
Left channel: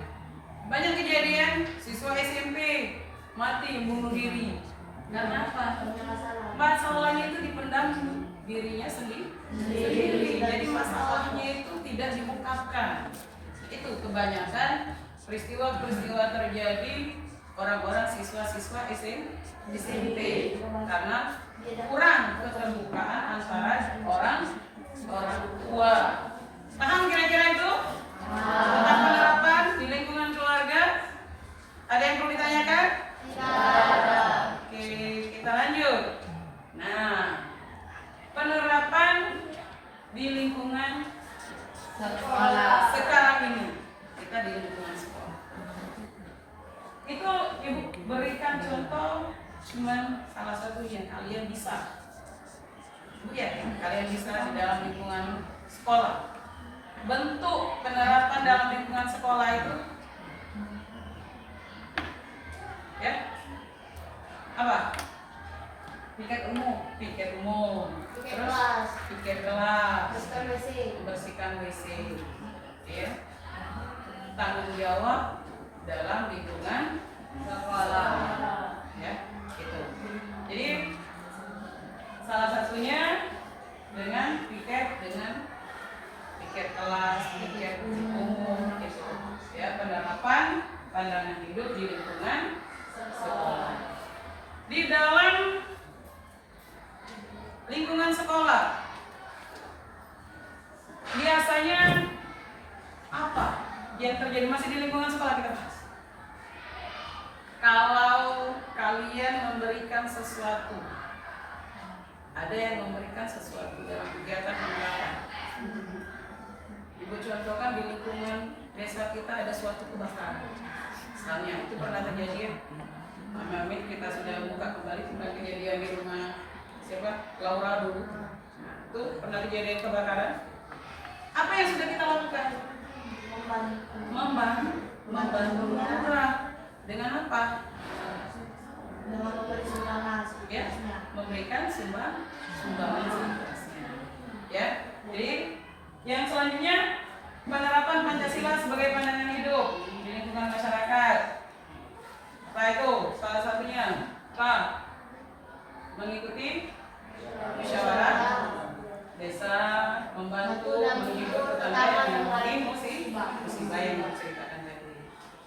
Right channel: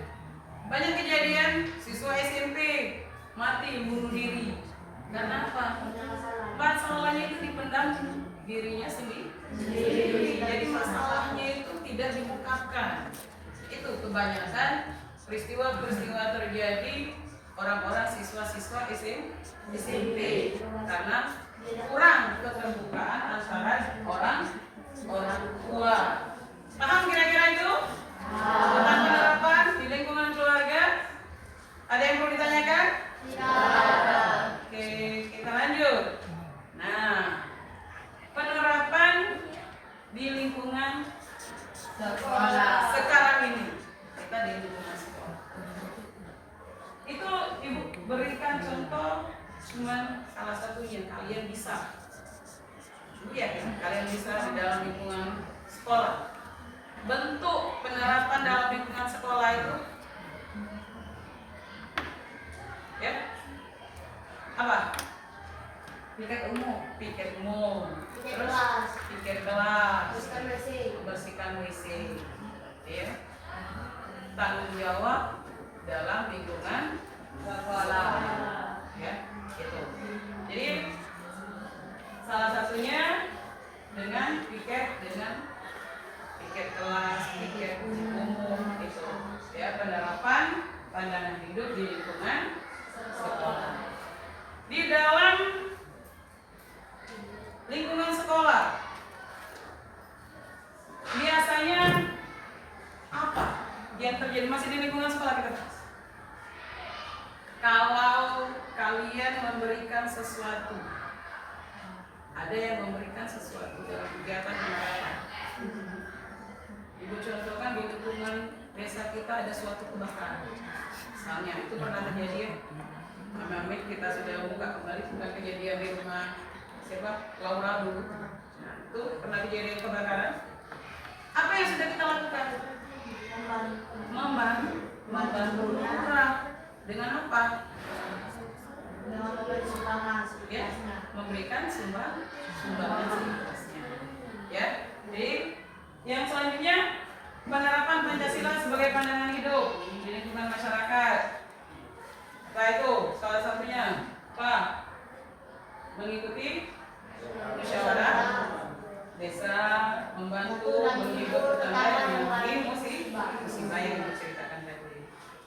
Banyak kejadian siswa SMP mati bunuh diri. Karena apa? Masalahnya itu dipendam dirinya sendiri. Jadi masalahnya itu tidak diungkapkan. Itu kebanyakan peristiwa-peristiwa terjadi orang-orang siswa-siswa SMP karena kurang keterbukaan antara orang tua. Paham kira-kira itu? Tentang penerapan di lingkungan keluarga? Ada yang perlu ditanyakan? Oke, kita lanjut. Nah, penerapan di lingkungan sekolah sekarang ini, kita di lingkungan sekolah. Itu ibu berikan contoh cuman salah satu yang kalian bisa. Ya, kalian bisa di dalam lingkungan sekolah. Bentuk penerapan dalam lingkungan sekolah itu ya apa? Piket umum, terus piket kelas, membersihkan WC, ya. Tanggung jawab dalam lingkungan sekolah, ya, gitu. Jadi salah satunya dengan piket kelas, piket umum itu, ya, penerapan pandangan hidup di lingkungan sekolah. Di dalam lingkungan sekolah biasanya apa yang terjadi? Masih di lingkungan sekolah kita bahas. Kalau kalian memberikan sesuatu, ada yang memberikan sesuatu dalam kegiatan penerapan. Ibu contohkan di lingkungan desa kita ada suatu kebakaran. Misalnya itu pernah terjadi ya. Amit kita sudah buka kembali tentang kejadian di rumah siapa? Laura dulu. Nah, itu pernah kejadian kebakaran. Apa yang sudah kita lakukan? Membantu lurah. Dengan apa? Dengan memberi sumbangan. Ya, memberikan sumbangan seikhlasnya. Ya, jadi yang selanjutnya penerapan Pancasila sebagai pandangan hidup di lingkungan masyarakat. Apa itu? Salah satunya apa? Mengikuti musyawarah desa, membantu menghibur tetangga yang mengalami musibah yang diceritakan tadi.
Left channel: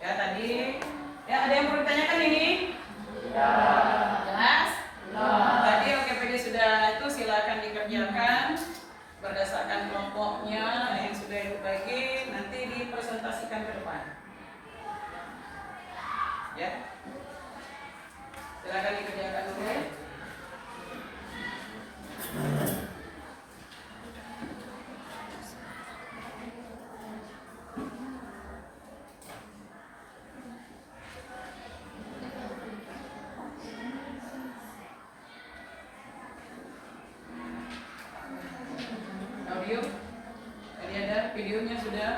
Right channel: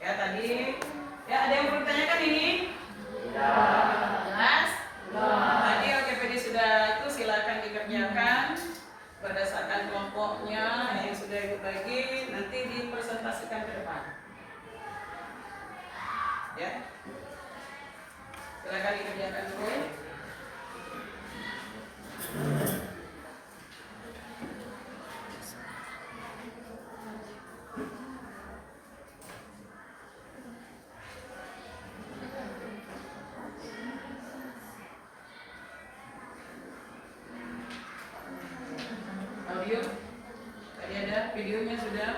Ya tadi, ya ada yang perlu ditanyakan ini? Ya. Jelas? Tadi OKPD sudah itu silakan dikerjakan berdasarkan kelompoknya yang sudah ibu bagi, nanti dipresentasikan ke depan. Ya, silakan dikerjakan dulu. Audio, tadi ada videonya sudah.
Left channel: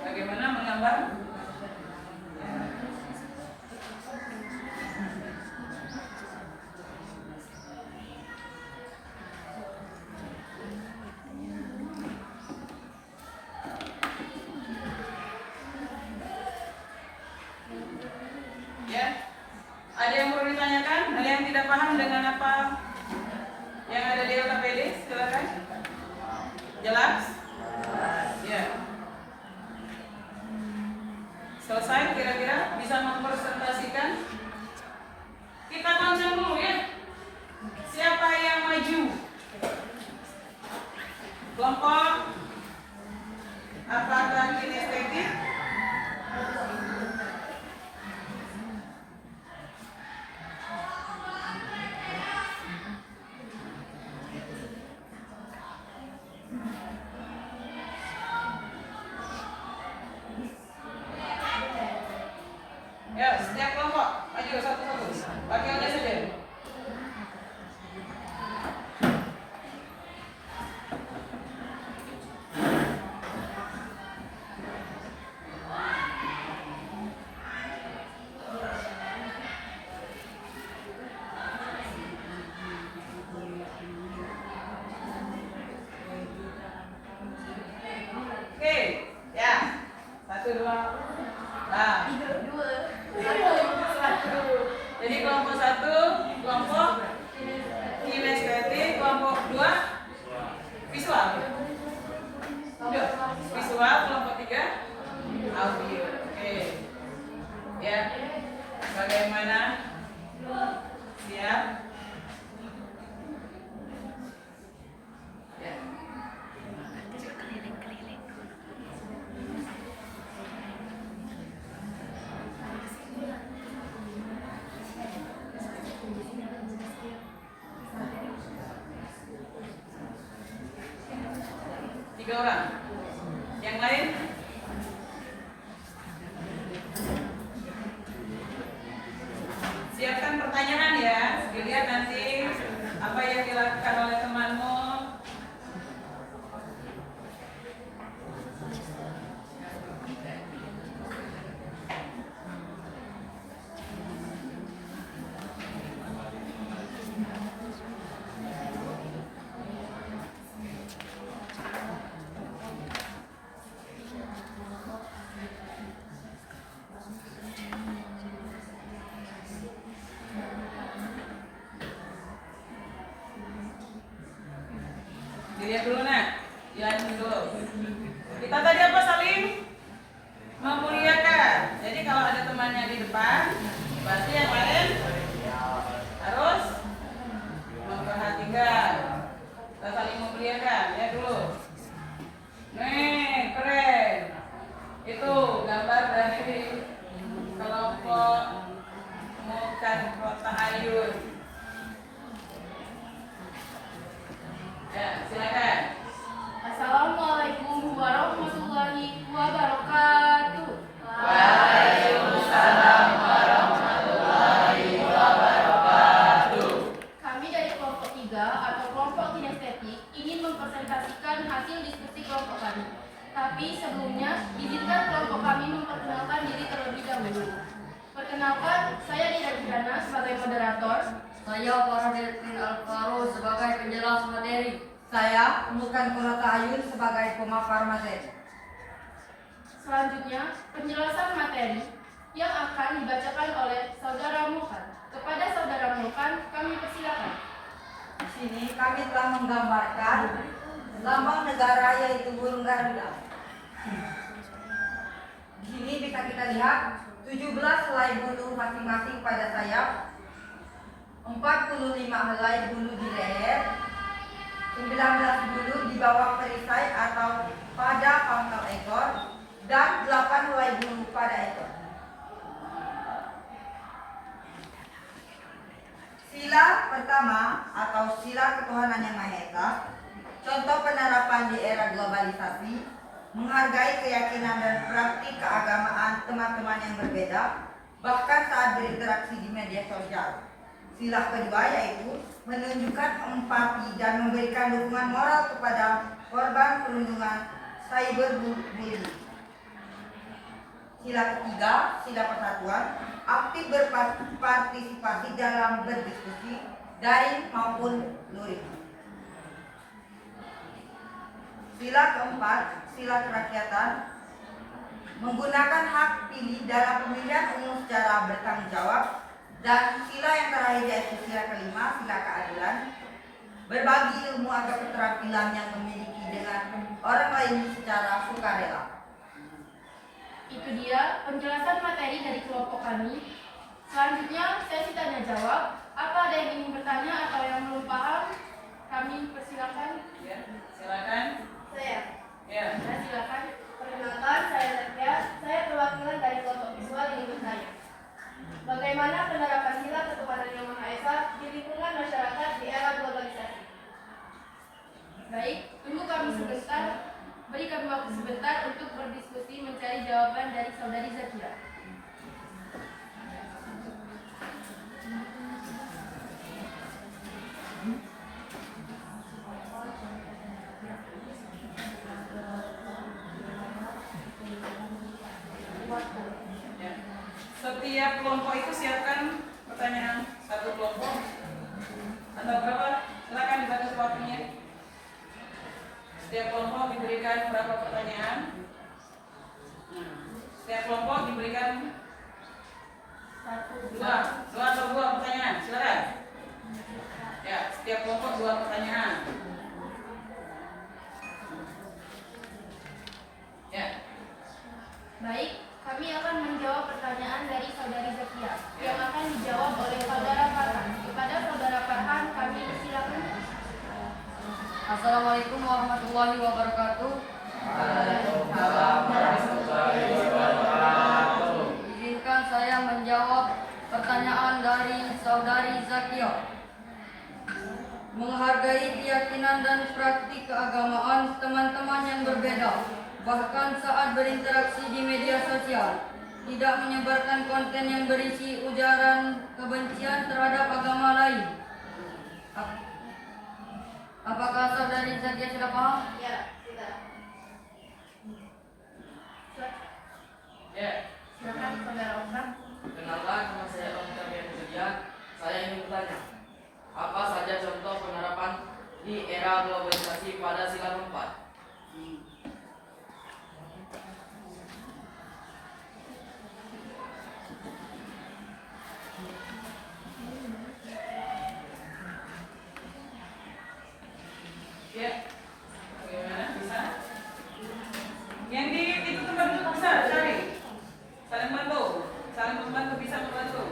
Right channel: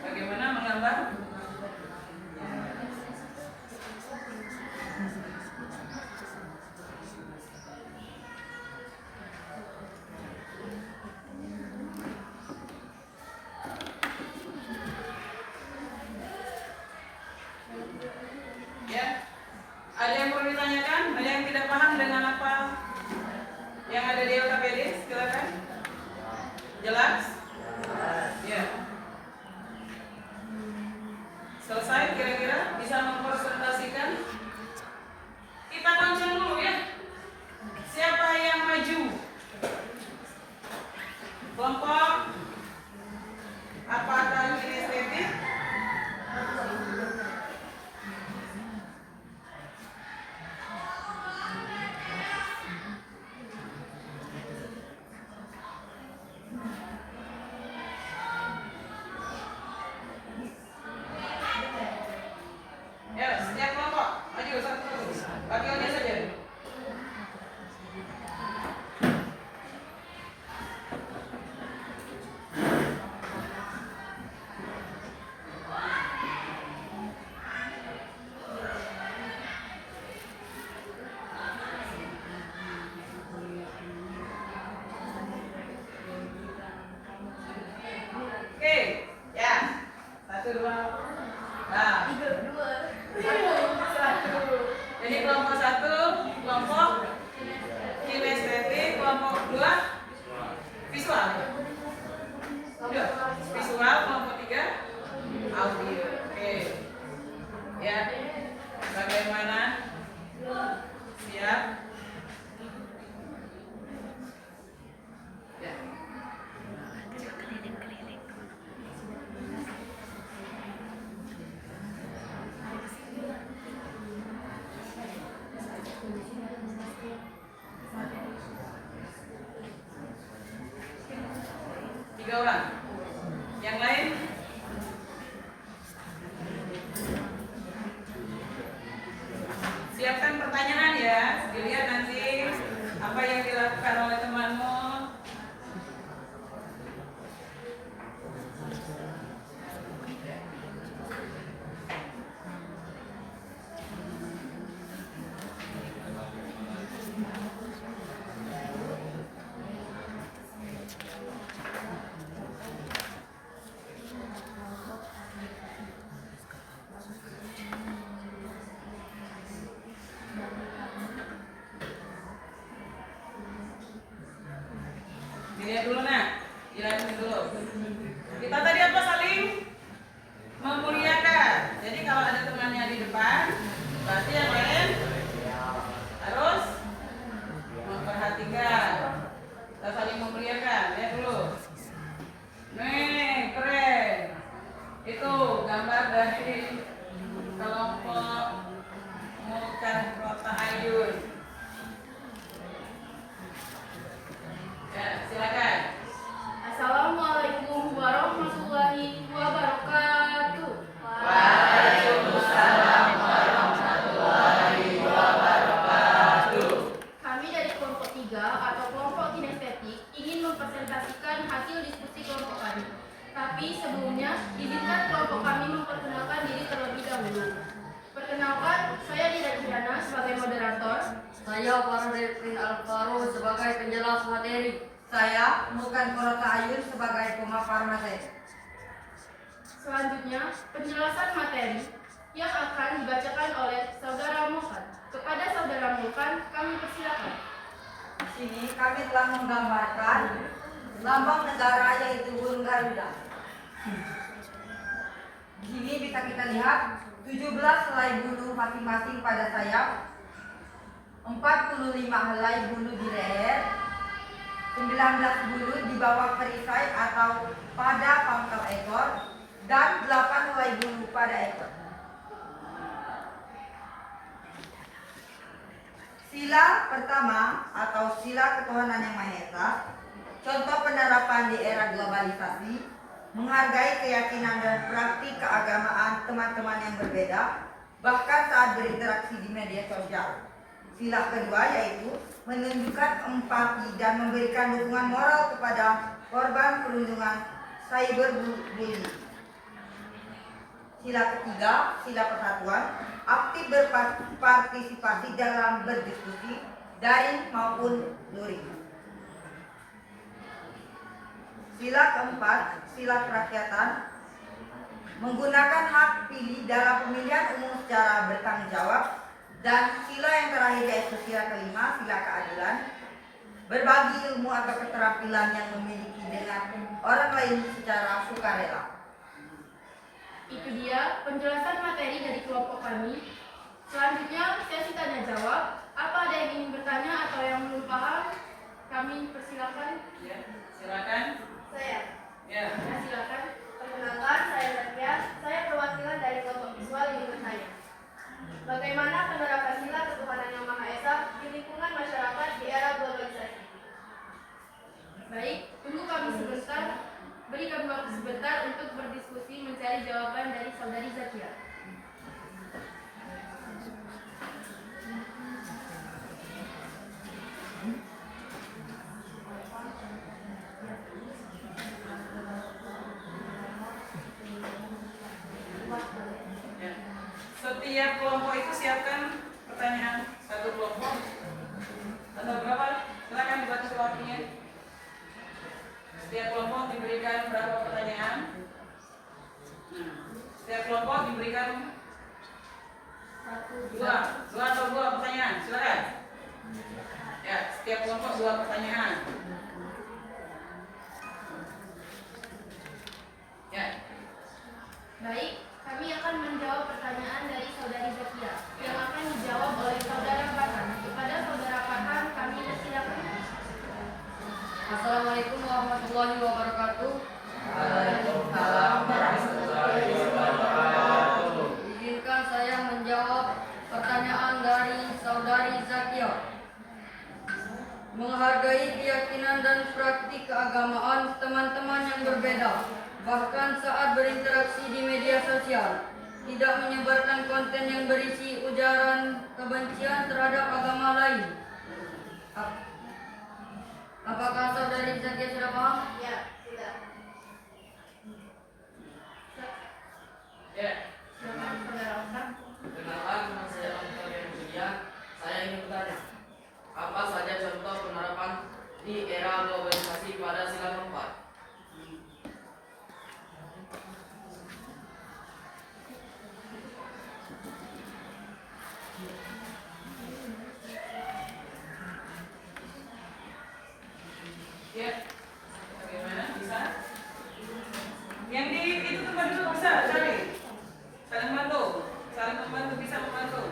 Bagaimana menggambar? Ya, ada yang perlu ditanyakan? Ada yang tidak paham dengan apa yang ada di LKPD? Silakan. Jelas? Ya. Selesai kira-kira? Bisa mempresentasikan? Kita konceng dulu ya. Siapa yang maju? Kelompok apakah kinestetik? Ya, setiap kelompok maju satu-satu. Wakilnya saja. Oke, ya. Satu, dua. Nah, jadi kelompok satu, kelompok kinestetik, kelompok dua, visual. Dua, visual, kelompok tiga, audio. Oke, ya. Bagaimana? Siap? Ya. Tiga orang. Yang lain? Siapkan pertanyaan ya. Dilihat nanti apa yang dilakukan oleh temanmu. Dilihat dulu nak, lihat dulu. Kita tadi apa saling memuliakan. Jadi kalau ada temannya di depan, berarti yang lain harus memperhatikan. Kita saling memuliakan. Lihat dulu. Nih keren. Itu gambar dari kelompok Mukan Kota Ayun. Ya, silakan. Assalamualaikum warahmatullahi wabarakatuh. Waalaikumsalam warahmatullahi saya Dira Kirana sebagai moderator. Saya Faradettin Alvaro sebagai penjelas materi. Saya Mukan Kurota Ayun sebagai pemapar materi. Selanjutnya, penjelasan materi yang akan dibacakan oleh Saudara Mulkan. Kepada Saudara Mulkan, kami persilakan. Di sini kami telah menggambarkan lambang negara yaitu burung Garuda. Di sini bisa kita lihat 17 helai bulu masing-masing pada sayap, 45 helai bulu di leher, 19 bulu di bawah perisai atau pada pangkal ekor, dan 8 helai bulu pada ekor. Sila pertama atau sila ketuhanan yang Maha Esa, contoh penerapan di era globalisasi, menghargai keyakinan dan praktik keagamaan teman-teman yang berbeda, bahkan saat berinteraksi di media sosial. Sila kedua yaitu menunjukkan empati dan memberikan dukungan moral kepada korban perundungan cyberbullying. Sila ketiga, sila persatuan, aktif berpartisipasi dalam berdiskusi, daring maupun luring. Sila keempat, sila kerakyatan, menggunakan hak pilih dalam pemilihan umum secara bertanggung jawab. Dan sila yang terakhir yaitu sila kelima, sila keadilan, berbagi ilmu atau keterampilan yang memiliki dengan orang lain secara sukarela. Itu dia penjelasan materi dari kelompok kami. Selanjutnya, sesi tanya jawab. Apa ada yang ingin bertanya atau yang belum paham? Kami persilakan. Ya, silakan. Saya. Ya. Ya, silakan. Perkenalkan, saya Zakia. Saya perwakilan dari kelompok visual ingin bertanya. Bagaimana penerapan sila ketuhanan yang Maha Esa di lingkungan masyarakat di era globalisasi? Baik, tunggu kami sebentar. Beri kami waktu sebentar untuk berdiskusi mencari jawaban dari Saudari Zakia. Ya. Setiap kelompok itu siapkan pertanyaan satu kelompok atau berapa? Silakan dibatasi waktunya. Setiap kelompok diberikan berapa pertanyaan? Setiap kelompok diberikan dua atau dua pertanyaan. Silakan. Ya, setiap kelompok dua pertanyaan. Ya. Baik, kami akan menjawab pertanyaan dari Saudari Zakia yang akan dijawab oleh Saudara Farhan. Kepada Saudara Farhan, kami persilakan. Assalamualaikum warahmatullahi wabarakatuh. Waalaikumsalam warahmatullahi wabarakatuh. Izinkan saya menjawab pertanyaan dari Saudari Zakia. Menghargai keyakinan dan praktik keagamaan teman-teman yang berbeda, bahkan saat berinteraksi di media sosial, tidak menyebarkan konten yang berisi ujaran kebencian terhadap agama lain. Apakah Saudari Zakia sudah paham? Ya, tidak. Ya. Silakan Saudara Osman. Perkenalkan, nama saya Osman Kemudian. Saya ingin bertanya, apa saja contoh penerapan di era globalisasi pada sila keempat? Ya. Bagaimana bisa? Yang di itu tempat duduk bisa cari. Saling bantu. Saling membantu, bisa membantu.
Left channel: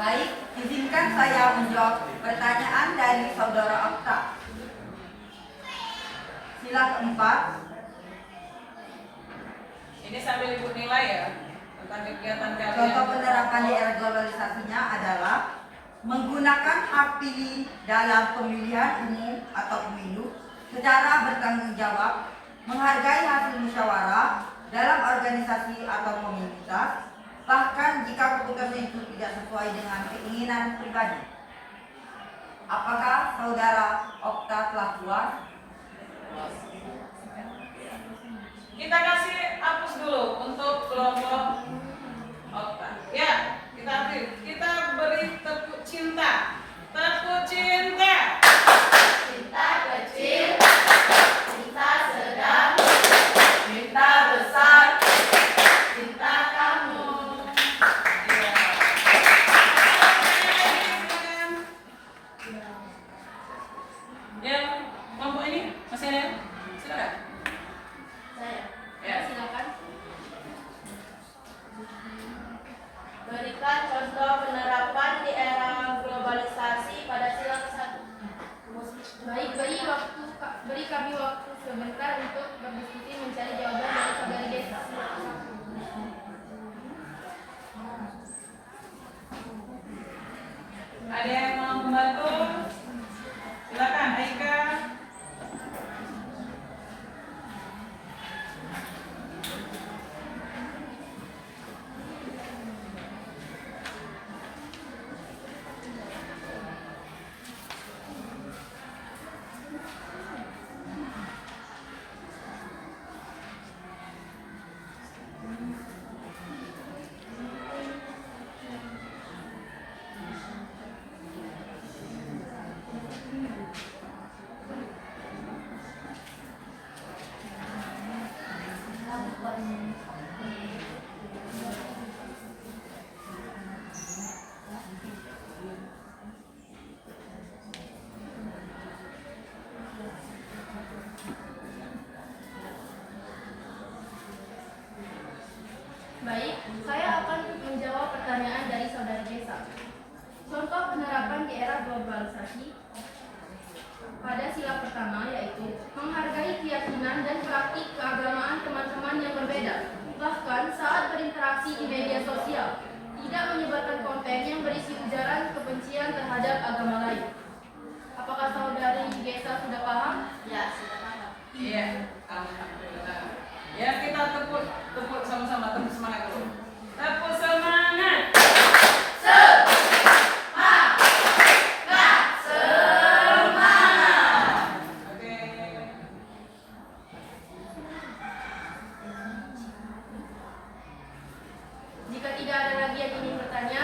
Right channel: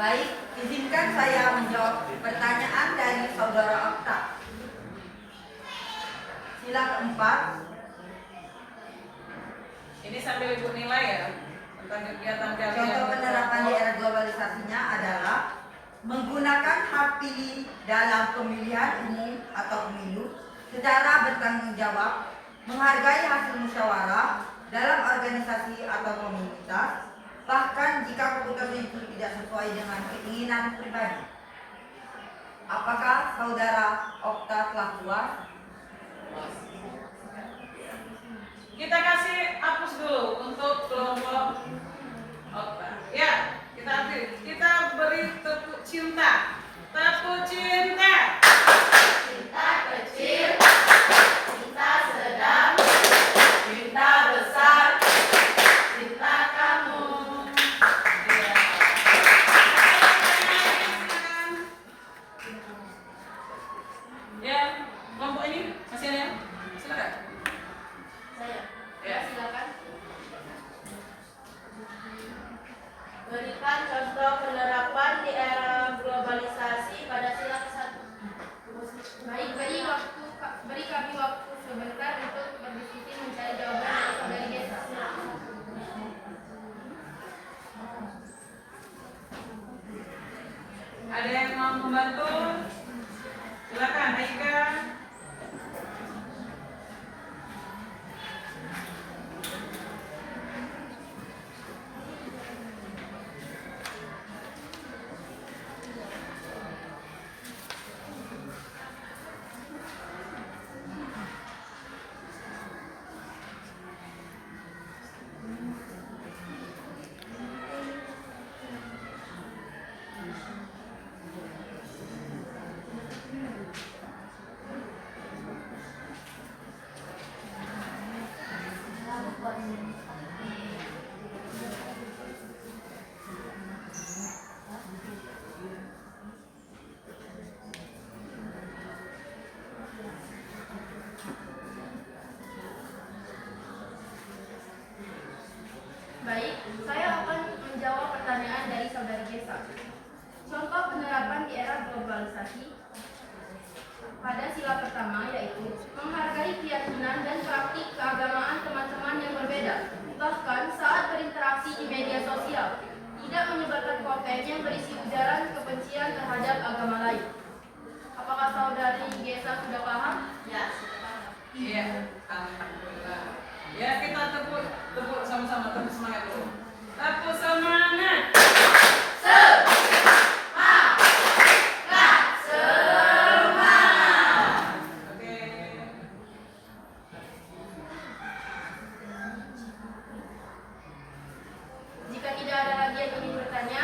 Baik, izinkan saya menjawab pertanyaan dari Saudara Okta. Sila keempat, Ini sambil ibu nilai ya tentang kegiatan kalian. contoh penerapan di era globalisasinya adalah menggunakan hak pilih dalam pemilihan umum atau pemilu secara bertanggung jawab, menghargai hasil musyawarah dalam organisasi atau komunitas, bahkan jika keputusan itu tidak sesuai dengan keinginan pribadi. Apakah saudara Okta telah puas? Kita kasih hapus dulu untuk kelompok Okta. Ya, kita beri tepuk cinta. Tepuk cinta. Cinta kecil, cinta sedang, Cinta besar. Cinta kamu. Iya. Ya, kelompok ini masih ada? Silakan. saya. Ya. Silakan. Berikan contoh penerapan di era globalisasi pada sila ke-1. Baik, beri kami waktu sebentar untuk berdiskusi mencari jawaban dari saudari Desa. Ada yang mau membantu? Silakan, Aika. Baik, saya akan menjawab pertanyaan dari saudari Desa. Contoh penerapan di era globalisasi pada sila pertama yaitu menghargai keyakinan dan praktik keagamaan teman-teman yang berbeda, bahkan saat berinteraksi di media sosial, tidak menyebarkan konten yang berisi ujaran kebencian terhadap agama lain. Apakah saudari Desa sudah paham? Ya, Iya, alhamdulillah. Ya, kita tepuk sama-sama, tepuk semangat dulu. Tepuk semangat. Oke. Jika tidak ada lagi yang ingin bertanya,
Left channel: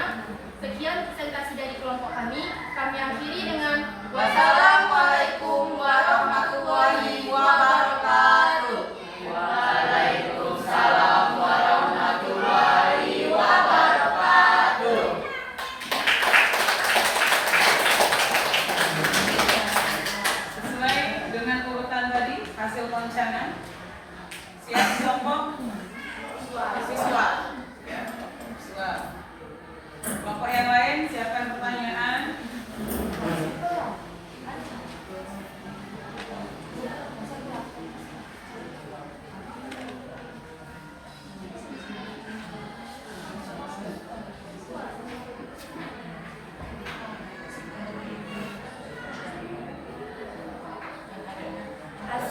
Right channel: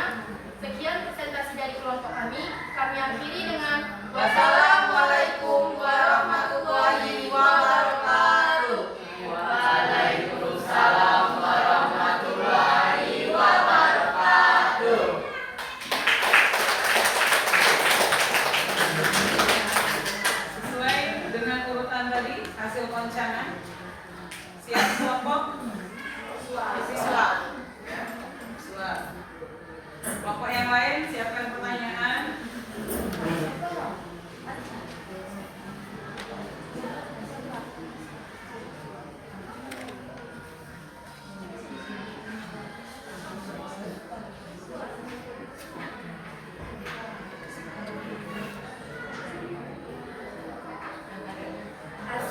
sekian presentasi dari kelompok kami. Kami akhiri dengan Wassalamualaikum warahmatullahi wabarakatuh. Waalaikumsalam warahmatullahi wabarakatuh. Sesuai dengan urutan tadi, hasil perencanaan. Siap kelompok siswa. Ya, siswa. Kelompok yang lain siapkan pertanyaan.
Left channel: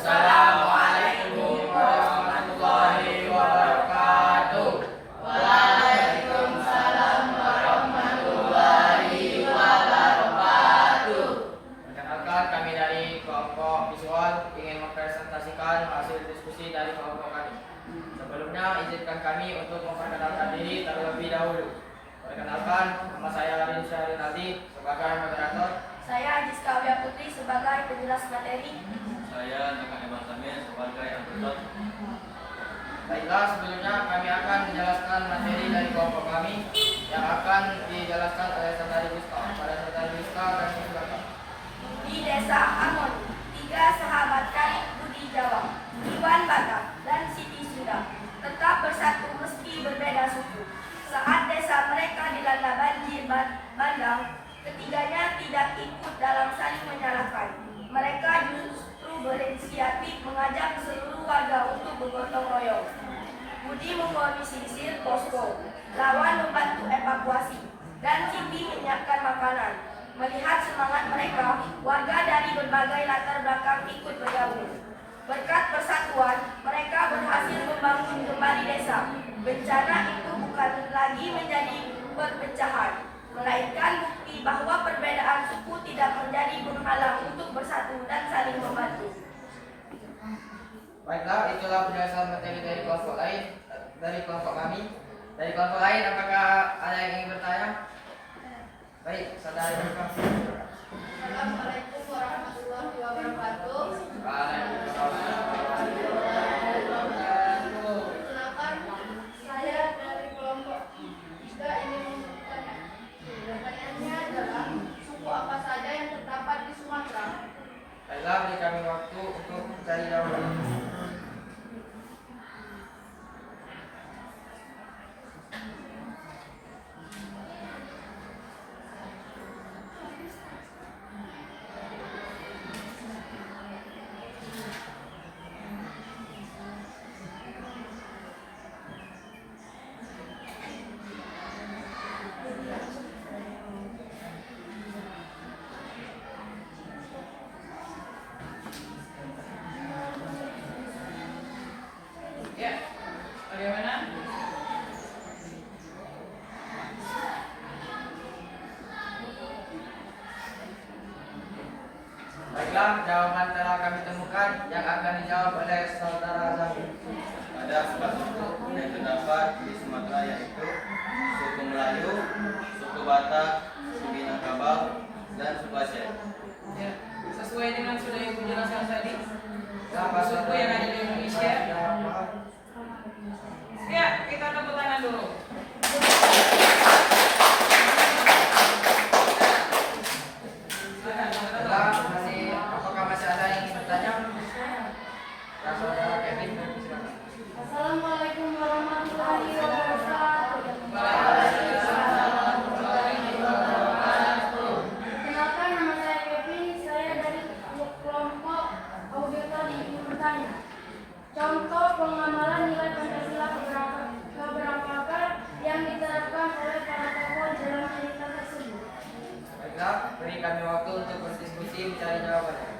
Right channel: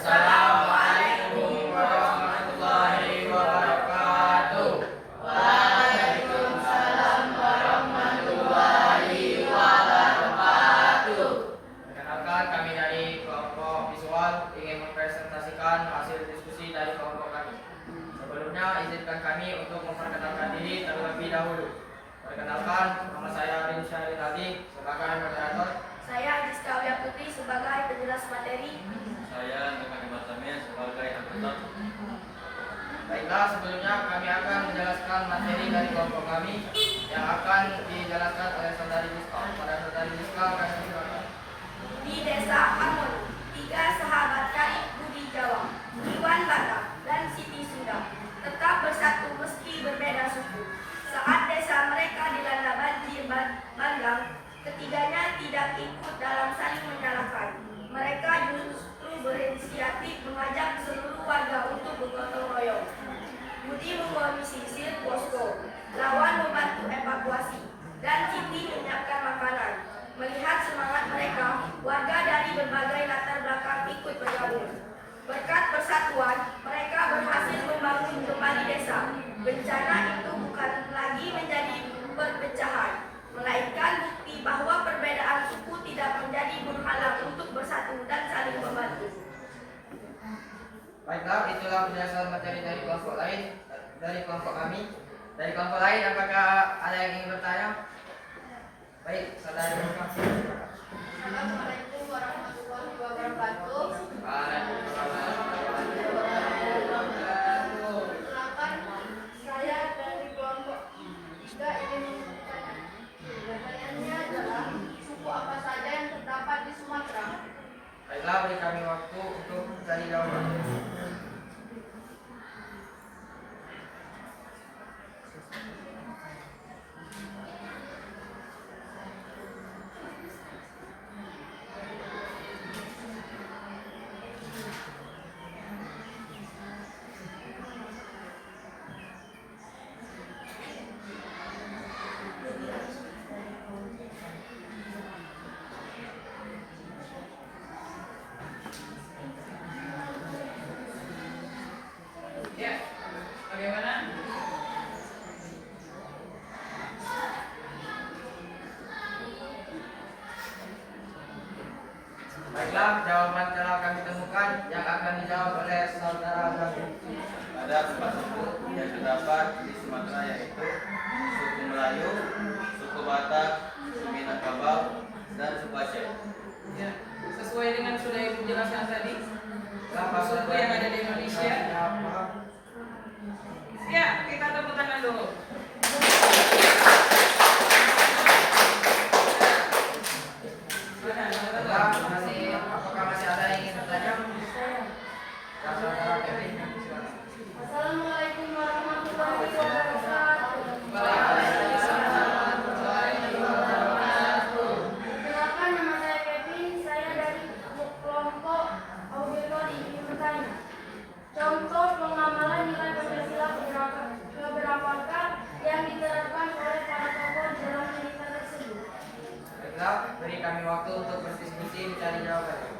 Assalamualaikum warahmatullahi wabarakatuh. Waalaikumsalam warahmatullahi wabarakatuh. Perkenalkan, kami dari kelompok visual ingin mempresentasikan hasil diskusi dari kelompok kami. Sebelumnya, izinkan kami untuk memperkenalkan diri terlebih dahulu. Perkenalkan, nama saya Arin Syahrinaldi sebagai moderator. saya Ajiska Wia Putri sebagai penjelas materi. Saya Nekan Eman Samir sebagai anggota. Baiklah, sebelumnya kami akan menjelaskan materi dari kelompok kami yang akan dijelaskan oleh saudari Rizka. Pada saudari Rizka, kami silakan. Di Desa Harmoni, 3 sahabat karib Budi Jawa, Iwan Batak, dan Siti Sunda tetap bersatu meski berbeda suku. Saat desa mereka dilanda banjir bandang, ketiganya tidak ikut dalam saling menyalahkan. Mereka justru berinisiatif mengajak seluruh warga untuk bergotong royong. Budi mengorganisir posko, Lawan membantu evakuasi, dan Siti menyiapkan makanan. Melihat semangat mereka, warga dari berbagai latar belakang ikut bergabung. Berkat persatuan, mereka berhasil membangun kembali desa. Bencana itu bukan lagi menjadi perpecahan, melainkan bukti bahwa perbedaan suku tidak menjadi penghalang untuk bersatu dan saling membantu. Baiklah, itulah penjelasan materi dari kelompok lain, dari kelompok kami. Dari kelompok lain, apakah ada yang ingin bertanya? Baik, saudara. Assalamualaikum warahmatullahi wabarakatuh. Silakan, saya dari kelompok 3 ingin bertanya. Pertanyaannya adalah suku apa saja yang terdapat di Sumatera? Baiklah, beri kami waktu untuk mencari jawaban. Ya, bagaimana? Baiklah, jawaban telah kami temukan yang akan dijawab oleh saudara Zaki. Ada 4 suku yang terdapat di Sumatera, yaitu suku Melayu, suku Batak, suku Minangkabau, dan suku Aceh. Ya, sesuai dengan sudah Ibu jelaskan tadi, Berapa suku yang ada di Indonesia. Berapa? Ya, kita tepuk tangan dulu. Baiklah, apakah masih ada yang ingin bertanya? Ya, saudara Kevin, silakan. Assalamualaikum warahmatullahi wabarakatuh. Kenalkan, nama saya Kevin, saya dari kelompok Auditori ingin bertanya. Contoh pengamalan nilai Pancasila keberapakah yang diterapkan oleh para tokoh dalam cerita tersebut? Baiklah, beri kami waktu untuk berdiskusi mencari jawabannya.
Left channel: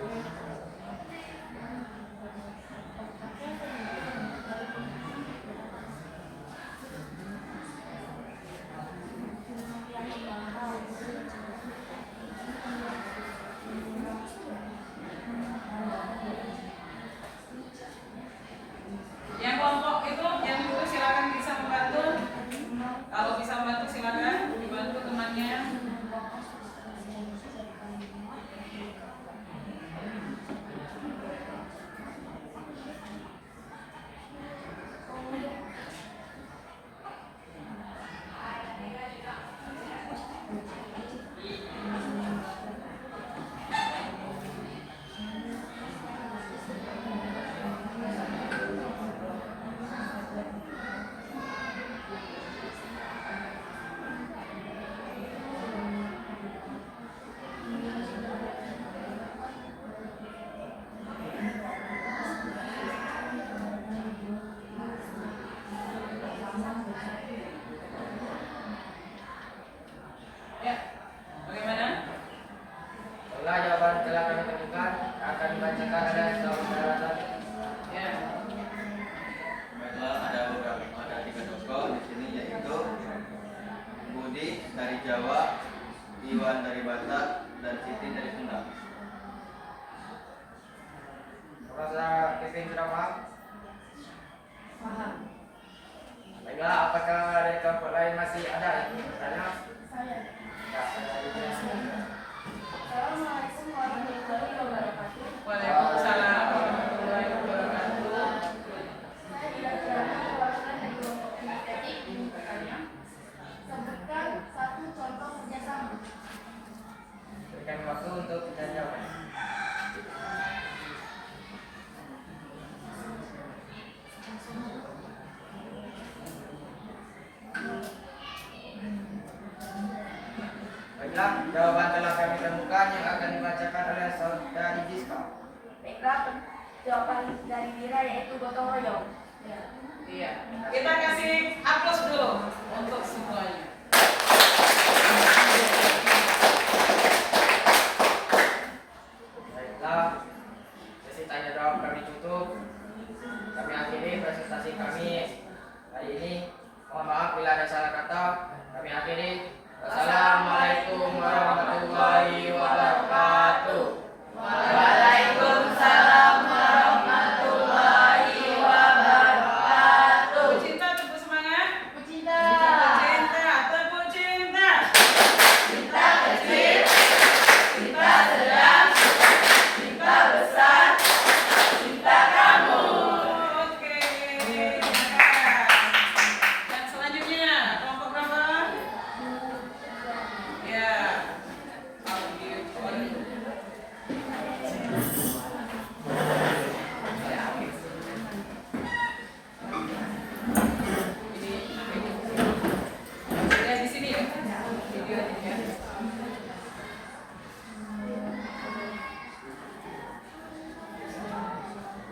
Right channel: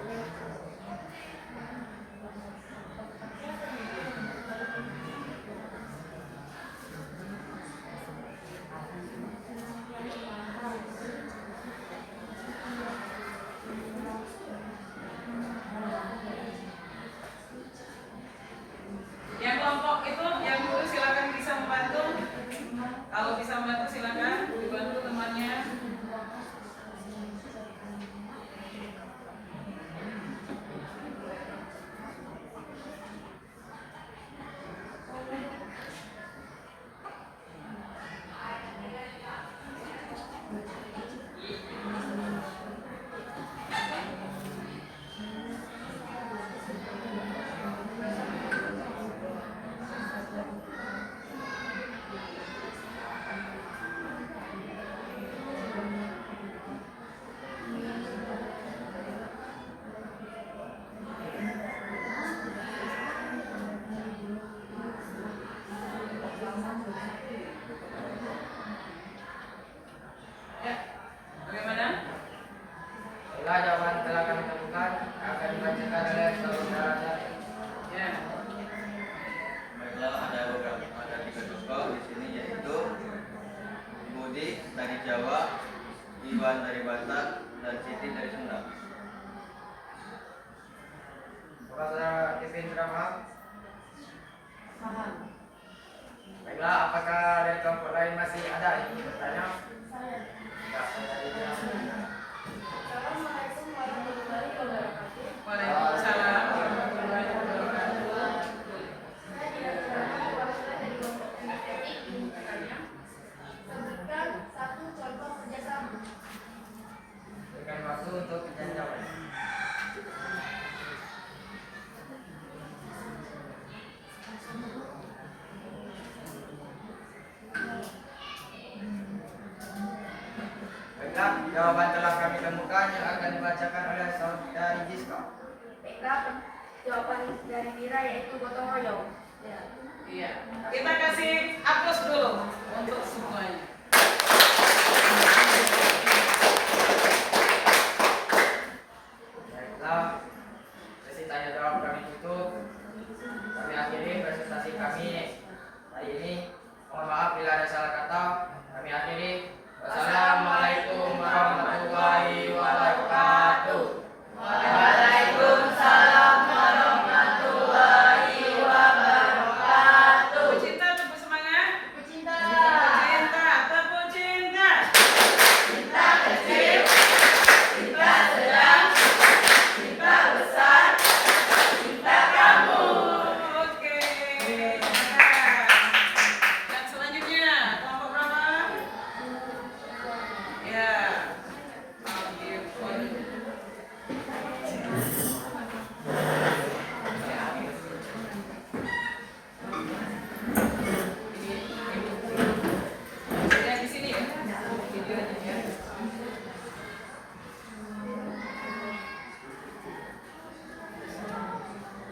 Yang kelompok itu, yang dulu silakan bisa membantu. Kalau bisa membantu silakan dibantu temannya. Ya, bagaimana? Baiklah, jawaban telah kami temukan akan dibacakan oleh saudara Zaki. Ya, Baiklah, ada 3 tokoh di sini, yaitu Budi dari Jawa, Iwan dari Batak, dan Siti dari Sunda. Apakah saudara Kevin sudah paham? Paham. Baiklah, apakah dari kelompok lain masih ada yang ingin bertanya? Saya. Ya, saudara Lydia. Assalamualaikum warahmatullahi wabarakatuh. Waalaikumsalam warahmatullahi wabarakatuh. Saya tidak perwakilan dari kelompok kinestetik ingin bertanya. Sebutkan 1 contoh kerjasama. Berikan waktu untuk mencari jawaban. Baiklah, jawaban telah kami temukan yang akan dibacakan oleh saudari Jiska. Baiklah, jawaban dari Mira yaitu gotong royong. Ya. Iya. Kita kasih aplaus dulu untuk semuanya. Baiklah, sesi tanya jawab kami tutup. Kami akhiri presentasi kami hari ini. Mohon maaf bila ada salah kata. Kami akhiri. Wassalamualaikum warahmatullahi wabarakatuh. Waalaikumsalam warahmatullahi wabarakatuh. Cinta, tepuk semangat. Cinta. Cinta, tepuk cinta. Cinta kecil, cinta sedang, cinta besar, cinta kamu. Oke. Yang selanjutnya kelompok berapa? Ya. Ya di sini ya. Videonya ya.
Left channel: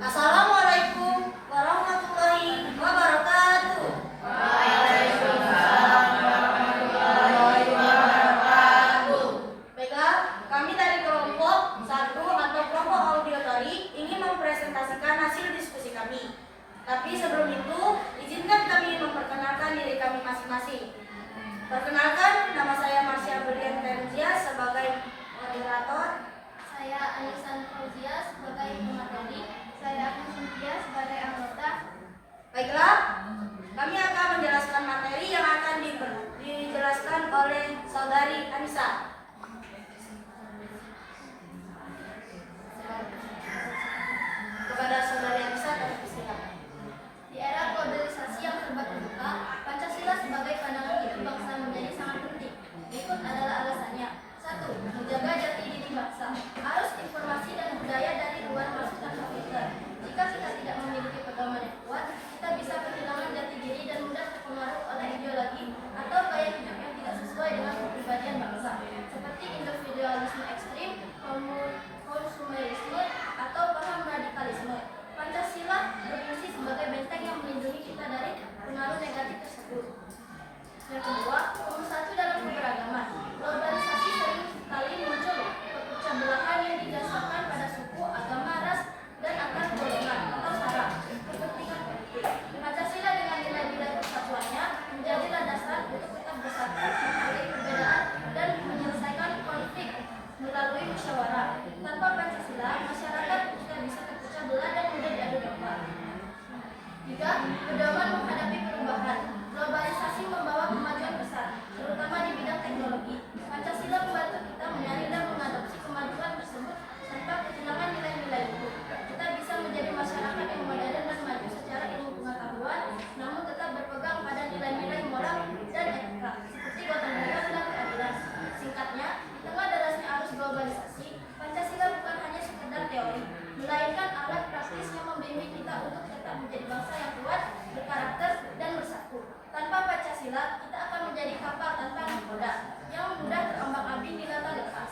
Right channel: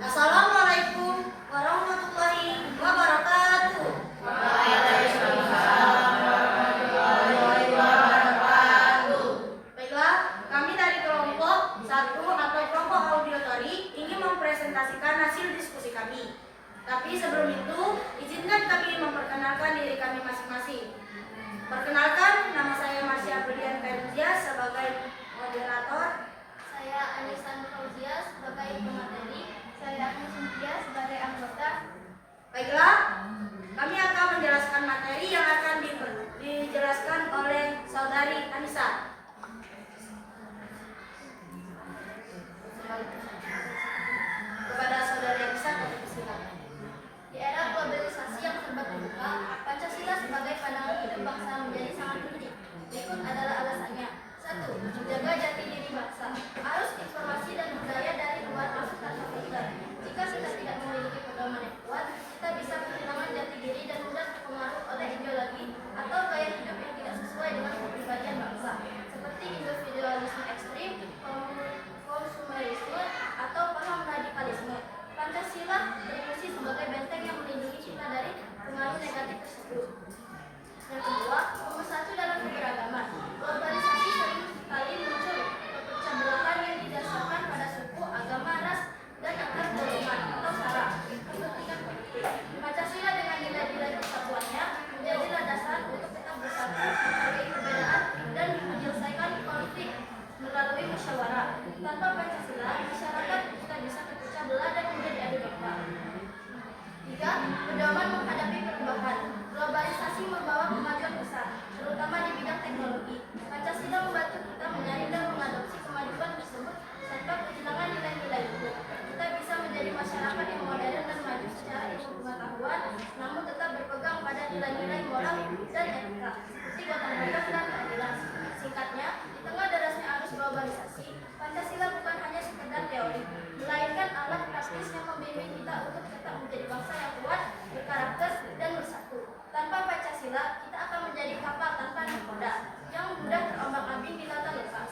Assalamualaikum warahmatullahi wabarakatuh. Baiklah, kami dari kelompok 1 atau kelompok auditori ingin mempresentasikan hasil diskusi kami. Tapi sebelum itu, izinkan kami memperkenalkan diri kami masing-masing. Perkenalkan, nama saya Marsya Berlian Ferzia sebagai moderator. Saya Anissa Fauzia sebagai pemateri. Saya Agnes Cynthia sebagai anggota. Baiklah, kami akan menjelaskan materi yang akan dijelaskan oleh saudari Anissa. Kepada saudari Anissa, kami persilakan. Di era globalisasi yang serba terbuka, Pancasila sebagai pandangan hidup bangsa menjadi sangat penting. Berikut adalah alasannya. 1. Menjaga jati diri bangsa. Arus informasi dan budaya dari luar masuk tanpa filter. Jika kita tidak memiliki pedoman yang kuat, kita bisa kehilangan jati diri dan mudah terpengaruh oleh ideologi atau gaya hidup yang tidak sesuai dengan kepribadian bangsa, seperti individualisme ekstrim, konsumerisme, atau paham radikalisme. Pancasila berfungsi sebagai benteng yang melindungi kita dari pengaruh negatif tersebut. Yang kedua, nomor 1 dalam keberagaman. Globalisasi sering kali muncul perpecah belahan yang didasarkan pada suku, agama, ras, dan antar golongan atau sara kepentingan politik. Pancasila dengan nilai-nilai persatuannya menjadilah dasar untuk tetap bersatu, menghargai perbedaan, dan menyelesaikan konflik melalui musyawarah. Tanpa Pancasila, masyarakat juga bisa terpecah belah dan mudah diadu domba. 3. Pedoman menghadapi perubahan. Globalisasi membawa kemajuan besar, terutama di bidang teknologi. Pancasila membantu kita menyaring dan mengadopsi kemajuan tersebut tanpa kehilangan nilai-nilai luhur. Kita bisa menjadi masyarakat yang modern dan maju secara ilmu pengetahuan, namun tetap berpegang pada nilai-nilai moral dan etika, seperti gotong royong dan keadilan. Singkatnya, di tengah derasnya arus globalisasi, Pancasila bukan hanya sekedar teori, melainkan alat praktis yang membimbing kita untuk tetap menjadi bangsa yang kuat, berkarakter, dan bersatu. Tanpa Pancasila, kita akan menjadi kapal tanpa nahkoda yang mudah terombang-ambing di lautan lepas.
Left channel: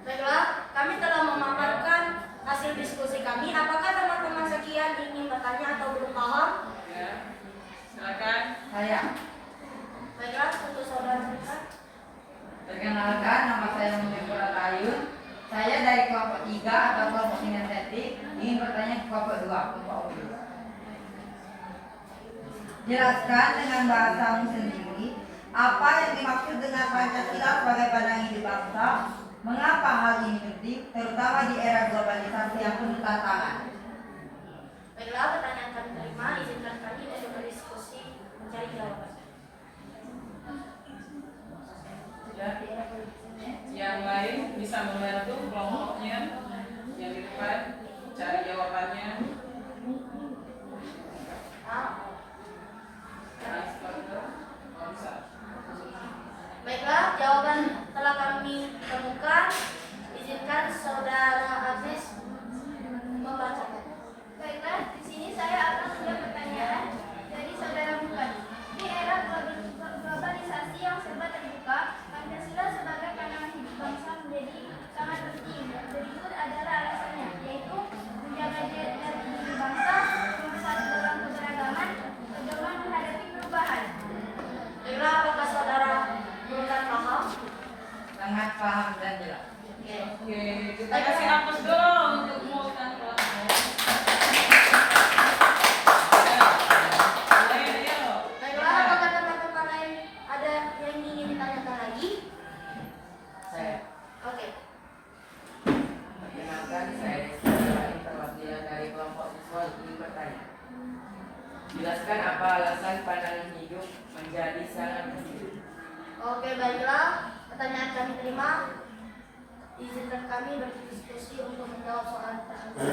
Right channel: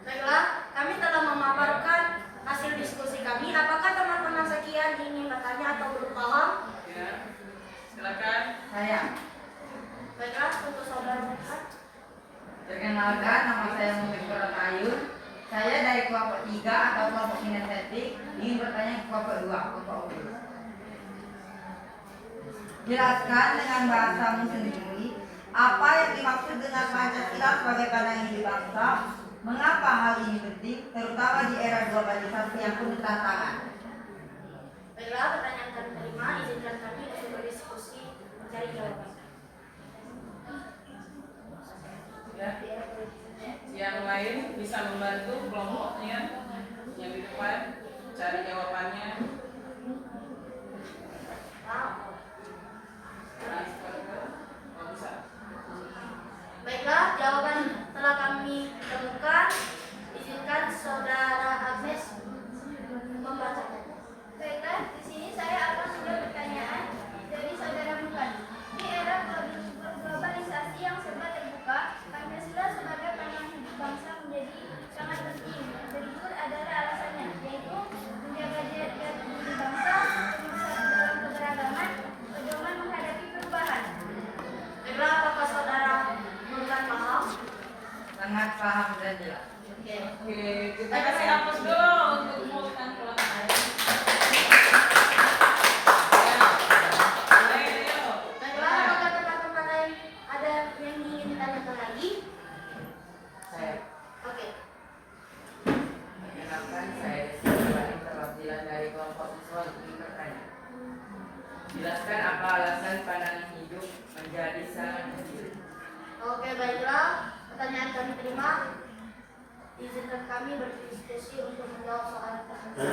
Baiklah, kami telah memaparkan hasil diskusi kami. Apakah teman-teman sekian ingin bertanya atau belum paham? Ya. Silakan. Saya. Baiklah, untuk saudara mereka. Perkenalkan, nama saya Muhammad Ayun. Saya dari kelompok 3 atau kelompok kinestetik ingin bertanya ke kelompok 2, kelompok audio. Jelaskan dengan bahasamu sendiri apa yang dimaksud dengan Pancasila sebagai pandangan hidup bangsa. Mengapa hal ini penting, terutama di era globalisasi yang penuh tantangan? Baiklah, pertanyaan kami terima. Izinkan kami untuk berdiskusi mencari jawaban. Ya. Yang lain bisa membantu kelompoknya yang di depan cari jawabannya. Oh, bisa. Baiklah, jawaban telah kami temukan. Izinkan saudara Agnes membacakan. Baiklah, di sini saya akan membuat pertanyaan dari saudara Bukan. Di era globalisasi yang serba terbuka, Pancasila sebagai pandangan hidup bangsa menjadi sangat penting. Berikut adalah alasannya, yaitu apa alasan pandangan hidup menjadi sangat penting? Oke, baiklah. Pertanyaan kami terima. Izinkan kami berdiskusi untuk menjawab soal tersebut.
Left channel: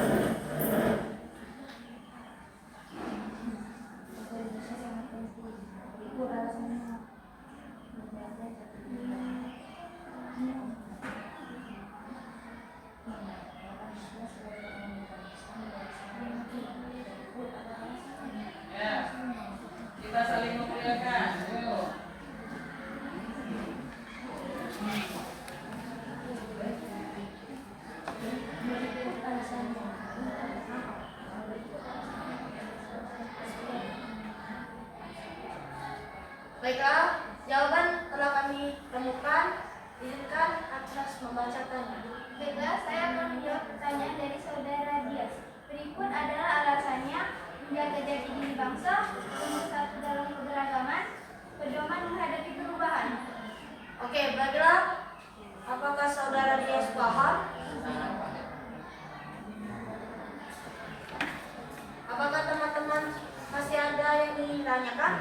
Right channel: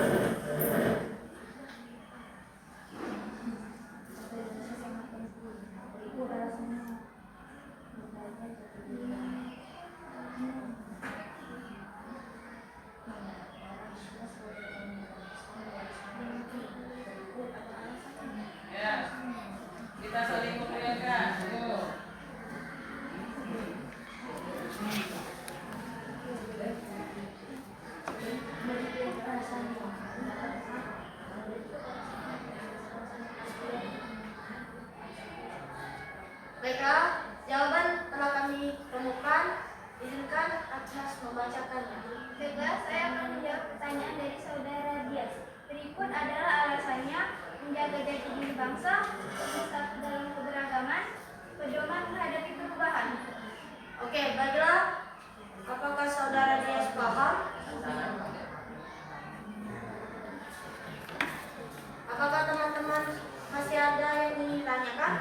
Ya, kita saling memuliakan. Ayo. Baiklah, jawaban telah kami temukan. Izinkan Agnes membacakannya. Baiklah, saya akan menjawab pertanyaan dari saudara Dias. Berikut adalah alasannya: menjaga jati diri bangsa, bersatu dalam keberagaman, pedoman menghadapi perubahan. Oke, baiklah. Apakah saudara Dias paham? Apakah teman-teman masih ada yang ingin tanyakan?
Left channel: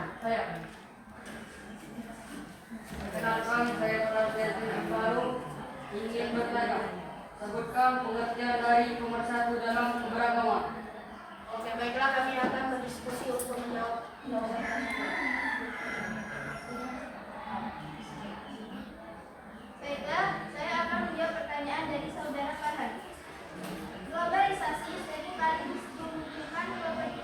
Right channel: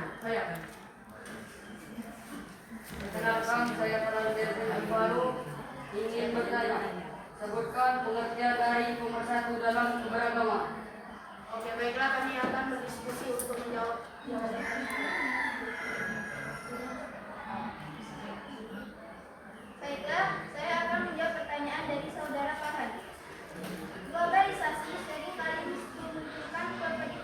Perkenalkan, saya Prasetyo Baru ingin bertanya. Sebutkan pengertian dari pemersatu dalam keberagaman. Oke, baiklah, kami akan berdiskusi untuk menjawab jawaban tersebut. Baiklah, saya akan menjawab pertanyaan dari saudara Farhan. Globalisasi seringkali memunculkan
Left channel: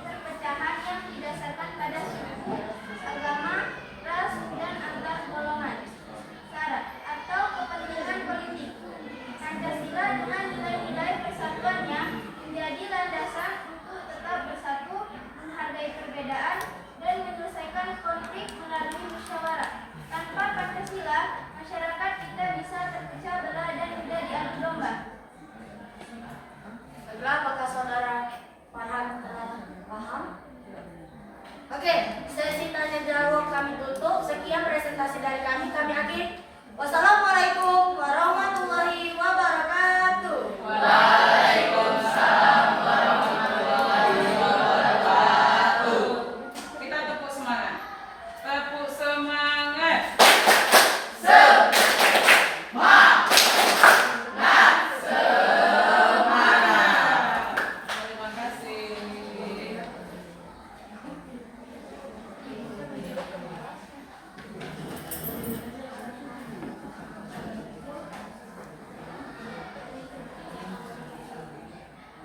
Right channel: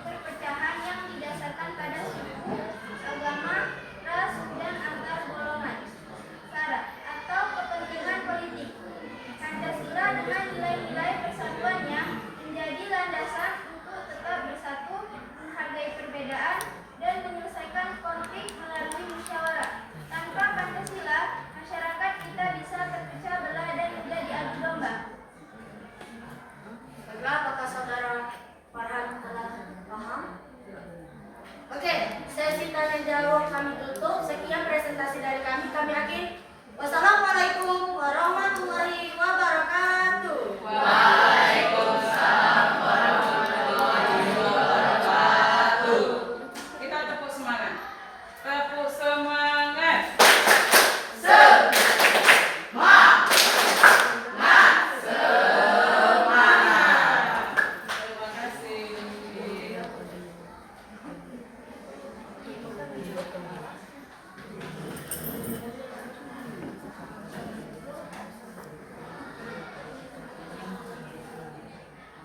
perpecahan yang didasarkan pada suku, agama, ras, dan antar golongan, syarat, atau kepentingan politik. Pancasila dengan nilai-nilai persatuannya menjadi landasan untuk tetap bersatu, menghargai perbedaan, dan menyelesaikan konflik melalui musyawarah. Tanpa Pancasila, masyarakat kita bisa terpecah belah dan menjadi adu domba. Baiklah, apakah saudara Farhan telah paham? Oke, sesi tanya jawab kami tutup. Sekian presentasi dari kami. Kami akhiri. Wassalamualaikum warahmatullahi wabarakatuh. Waalaikumsalam warahmatullahi wabarakatuh. Kita tepuk semangat. Tepuk semangat. Terima kasih.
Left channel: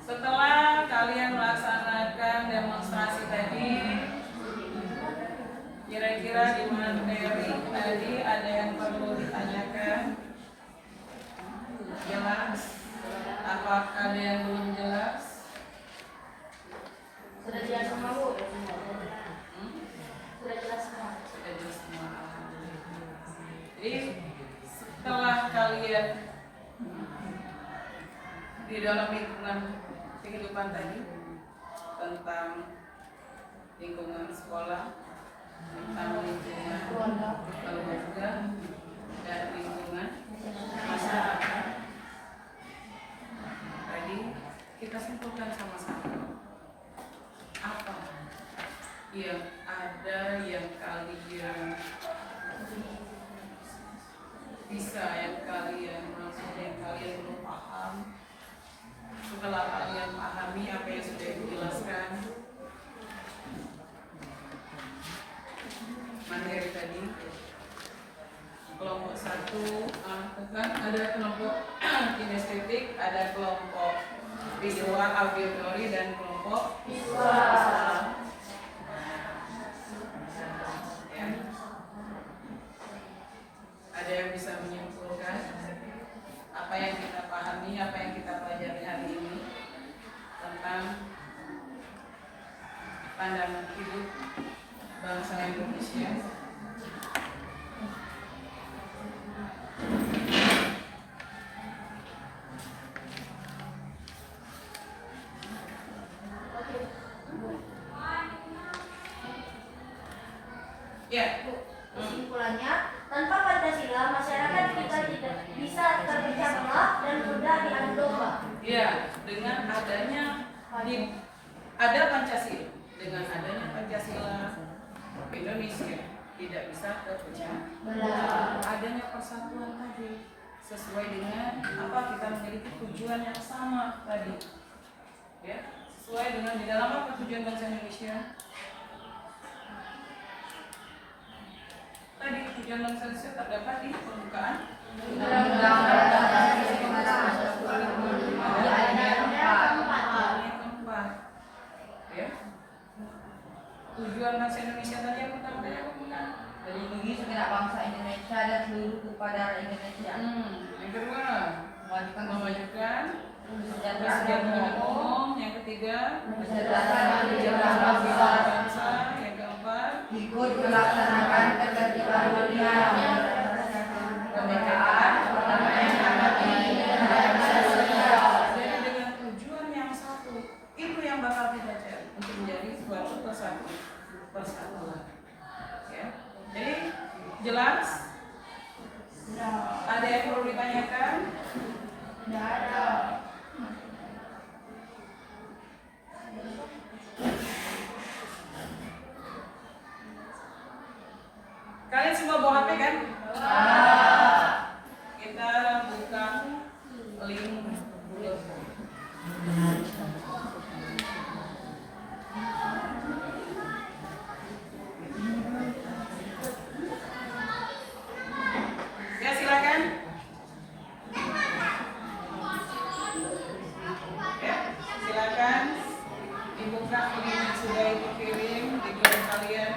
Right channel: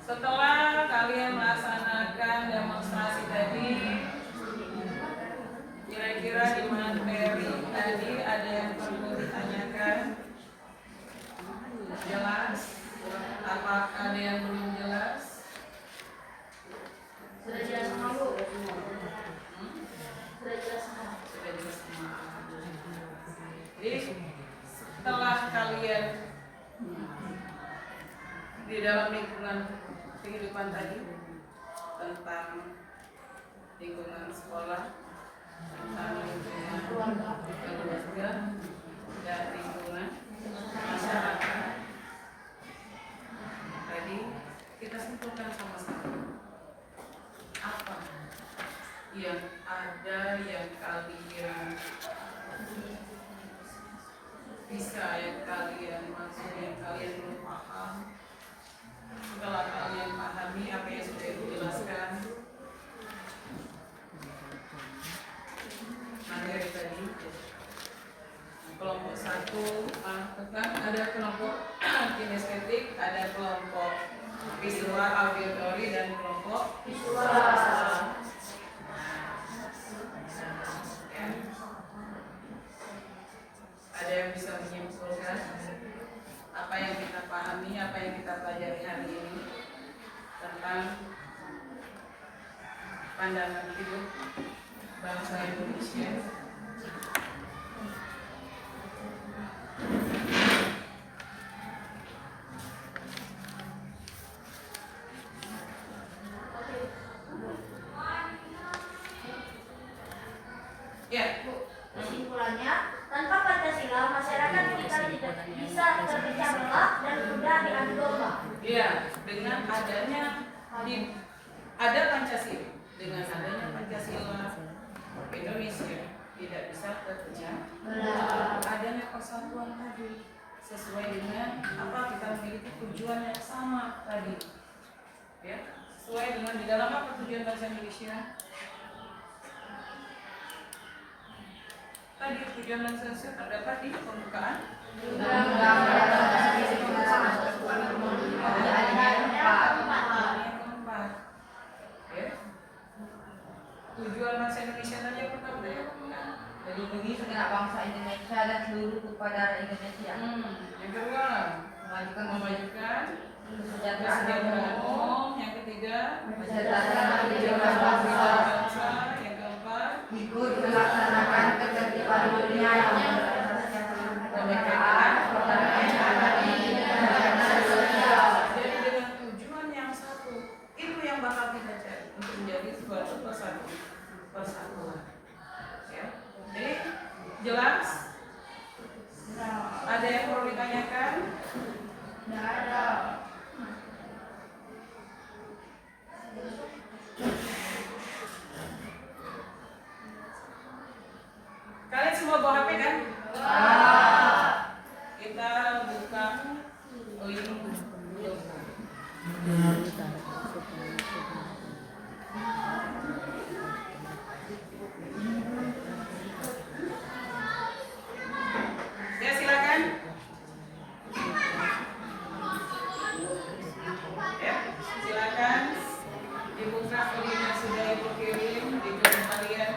Setelah kalian melaksanakan demonstrasi tadi, kira-kira di materi tadi ada yang perlu ditanyakan? Jelas? Apakah ada yang belum jelas? Sudah jelas semua, Bu? Hmm? Sudah jelas semua. Sudah jelas semua. Jadi setelah kalian di dalam lingkungan kehidupan tadi tentang lingkungan sekolah, tentang lingkungan keluarga, dan lingkungan masyarakat. Tadi kita simpulkan sama-sama apa yang ada yang kalian bisa, yang kalian maksudnya, yang kalian belum paham. Setelah kalian pahami apa yang sudah dijelaskan materi tadi, kelompok 1 kan ada kelompok kinestetik, ada kelompok visual, auditory, dan kelompok visual. Ya. Ada yang bisa menyimpulkan apa yang kita pahami, apa yang kita pelajari hari ini tentang pandangan hidup bangsa Indonesia? Ya, Kesimpulannya, tanpa Pancasila, masyarakat kita tidak bisa terpecah belah dan mudah diadu domba. ya, dengan adanya ada Pancasila, dengan adanya Pancasila, Indonesia tidak bisa terpecah belah. Adanya persatuan tadi sesuai dengan apa kita memiliki tujuan yang sama tadi, ya, sesuai dengan di dalam apa tujuan bangsa Indonesia tadi. Tujuan bangsa Indonesia terdapat di pembukaan keempat, ya. Tujuan bangsa Indonesia tadi yang pertama tadi apa bukan? Melindungi segenap bangsa Indonesia dan seluruh tumpah darah Indonesia. Yang kedua, memajukan Kesejahteraan kesejahteraan umum. Yang ketiga, kesejahteraan kesejahteraan bangsa. bangsa. Yang keempat, Ikut melaksanakan ketertiban dunia yang kemerdekaan, perdamaian, dan sosial. jadi dengan tujuan yang satu, itu yang bakal kita cari untuk menjadi suatu persatuan. Ya. Jadi jelas? Ada yang perlu ditanyakan? Tidak ada. Kalian semua bawa HP kan? Kita buka link Google Form. Ya, silakan. Ya, silakan dibuka link yang sudah ibu kirim di grup kalian.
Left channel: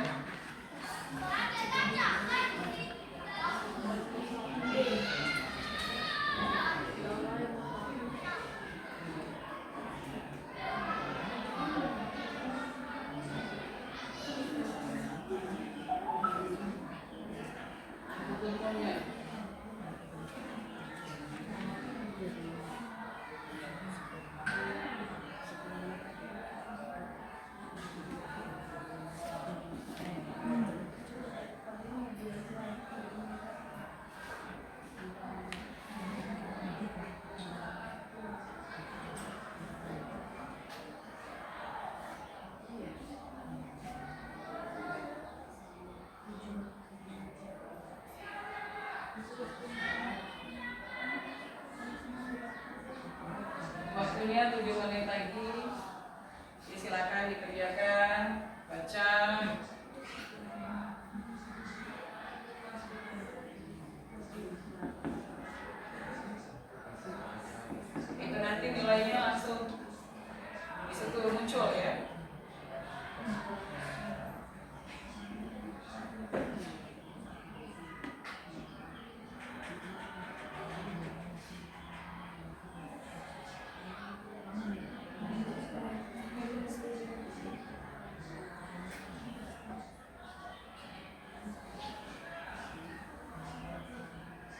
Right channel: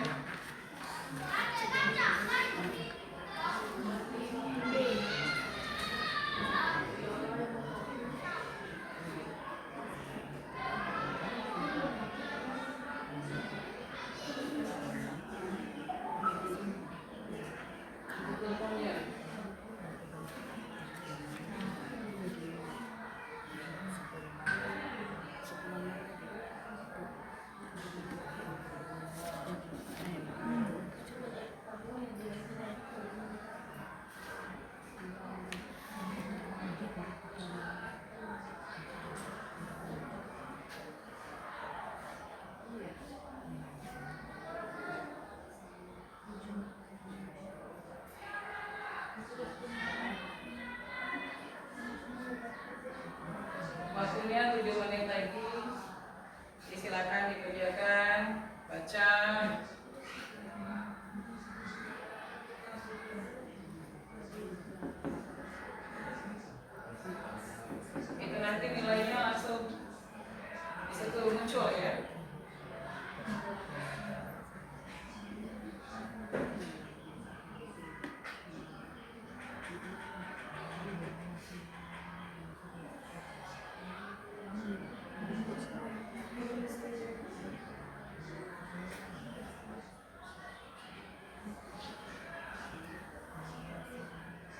Google Form-nya. Waktunya 7 menit lagi. Silakan dikerjakan, baca. Itu nanti nilainya langsung di situ muncul ya.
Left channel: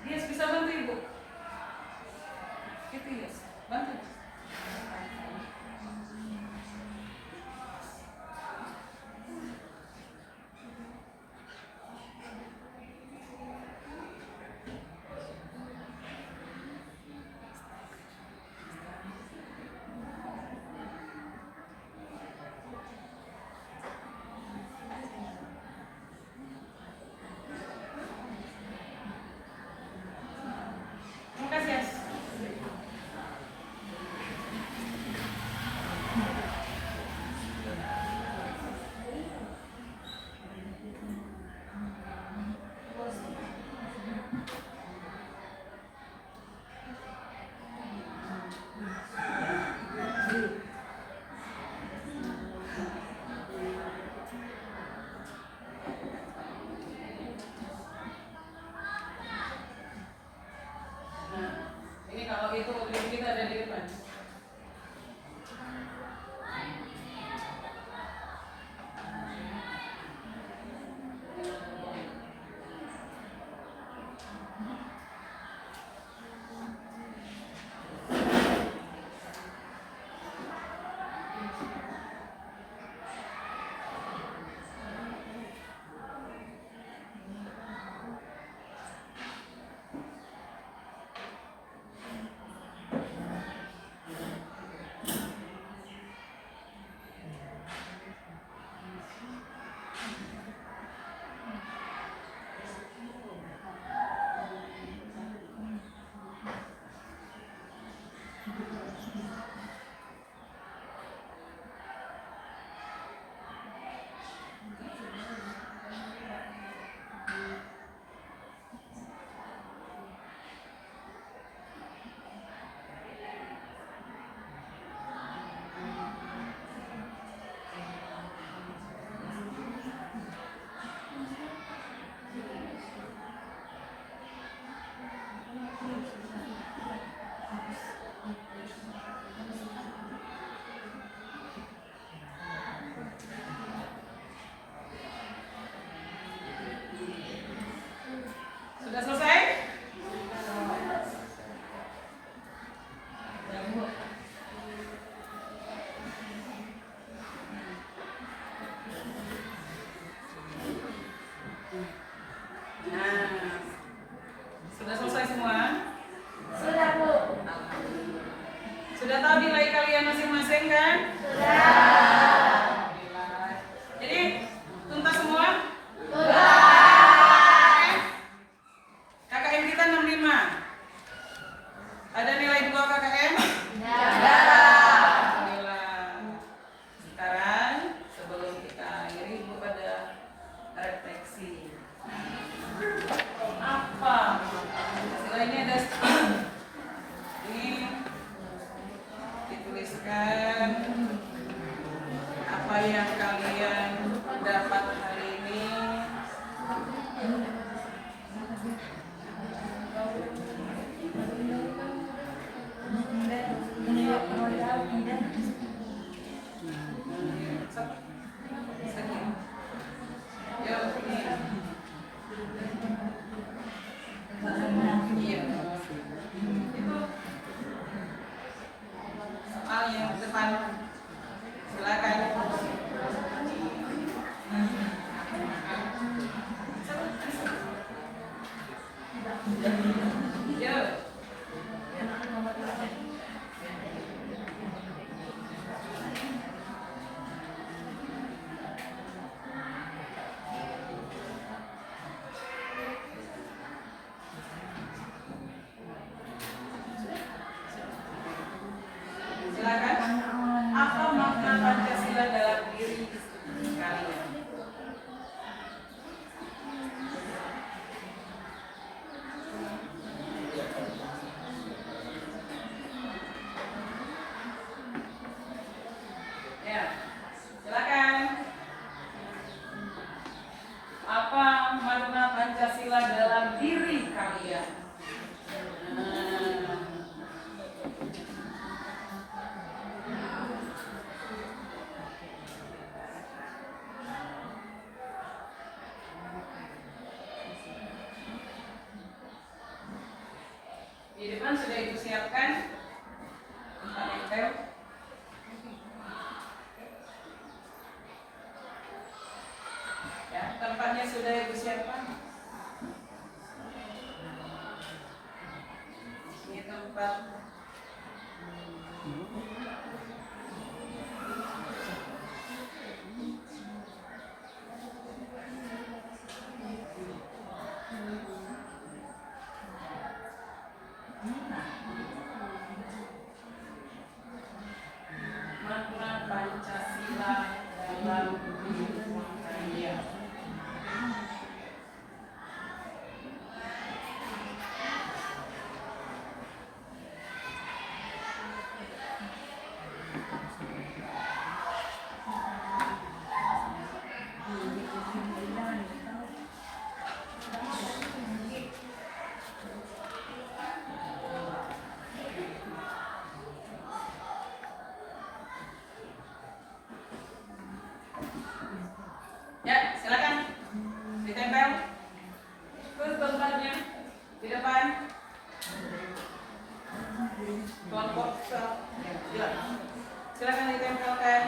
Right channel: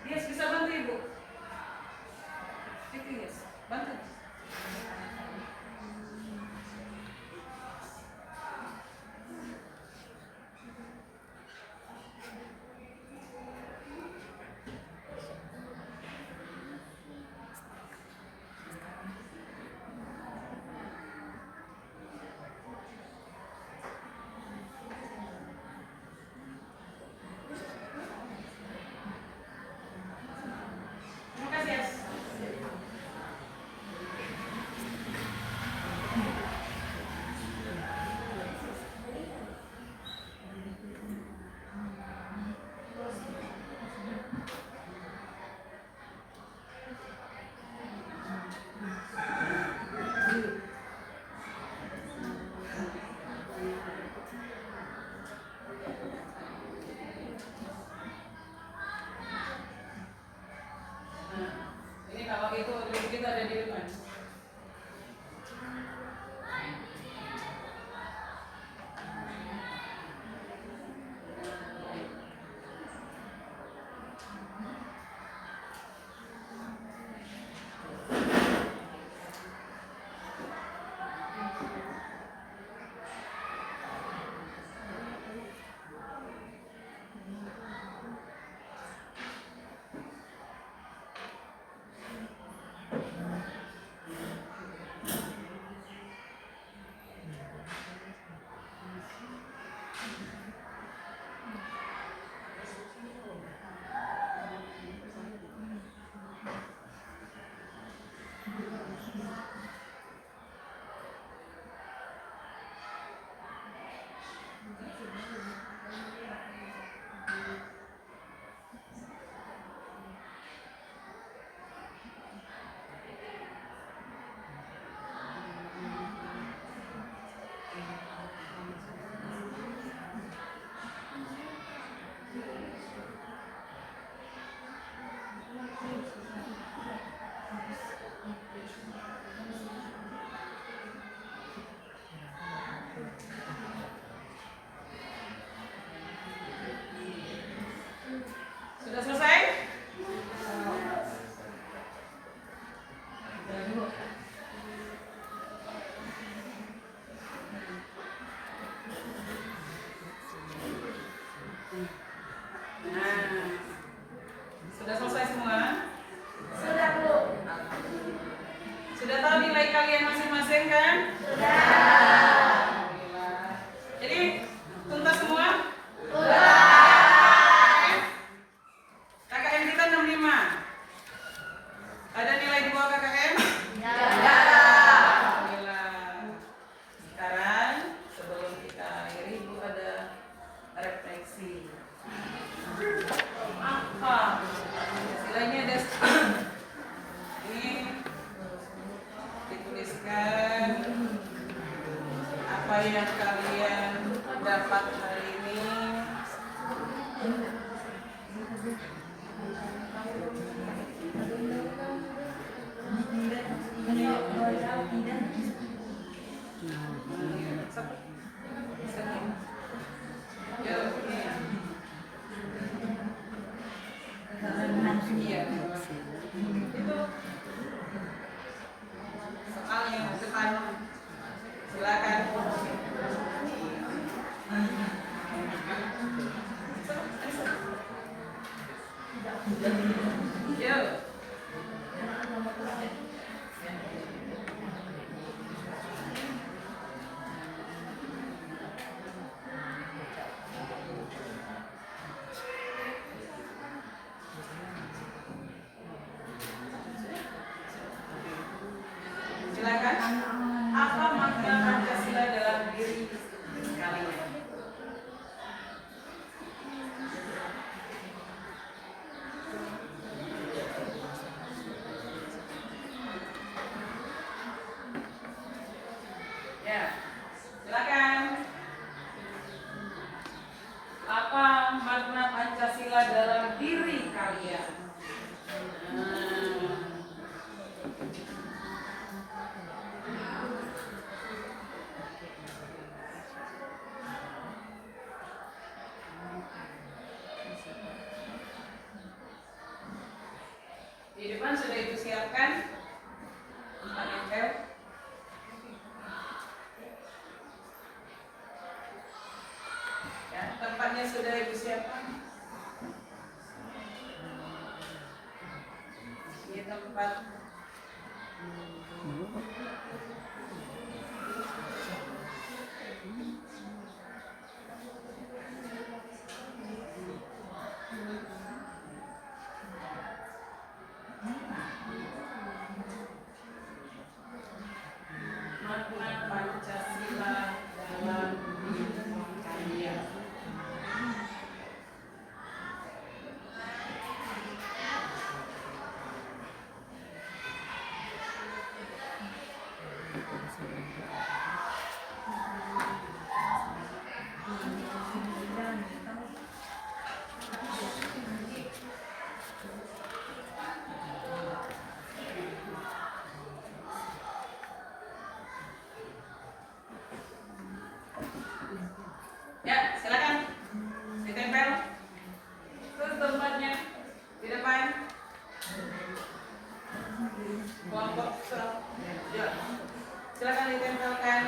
Yes, bisa bantu ibu. Itu yes, bantu. Terima kasih, Yes. Nah, ini kalau itu link kita ada di depan. masing-masing kan? Alhamdulillah. Jadi tuntas semua? KKM kita 65. Ada nilai di bawah KKM? Alhamdulillah. Sekarang sebelum kita akhiri Ibu ada refleksi. Apa? Istilahnya ada ini dituliskan apa yang kalian dapat hari ini. Iya. Itu soalnya depan. Silakan. Yo. Silakan. Apa makna Pancasila dalam diri kalian? Ya, silakan. Apa makna Pancasila dalam diri kalian? Di depan sudah ibu siapkan tempat nempel. Ya, tempatnya sudah ibu siapkan. Ini tempat makna Pancasila dalam diri kalian. Ya, silakan ditempel. Terus tempatnya di depan. Kelompok sel. Ya, silakan ditempelkan.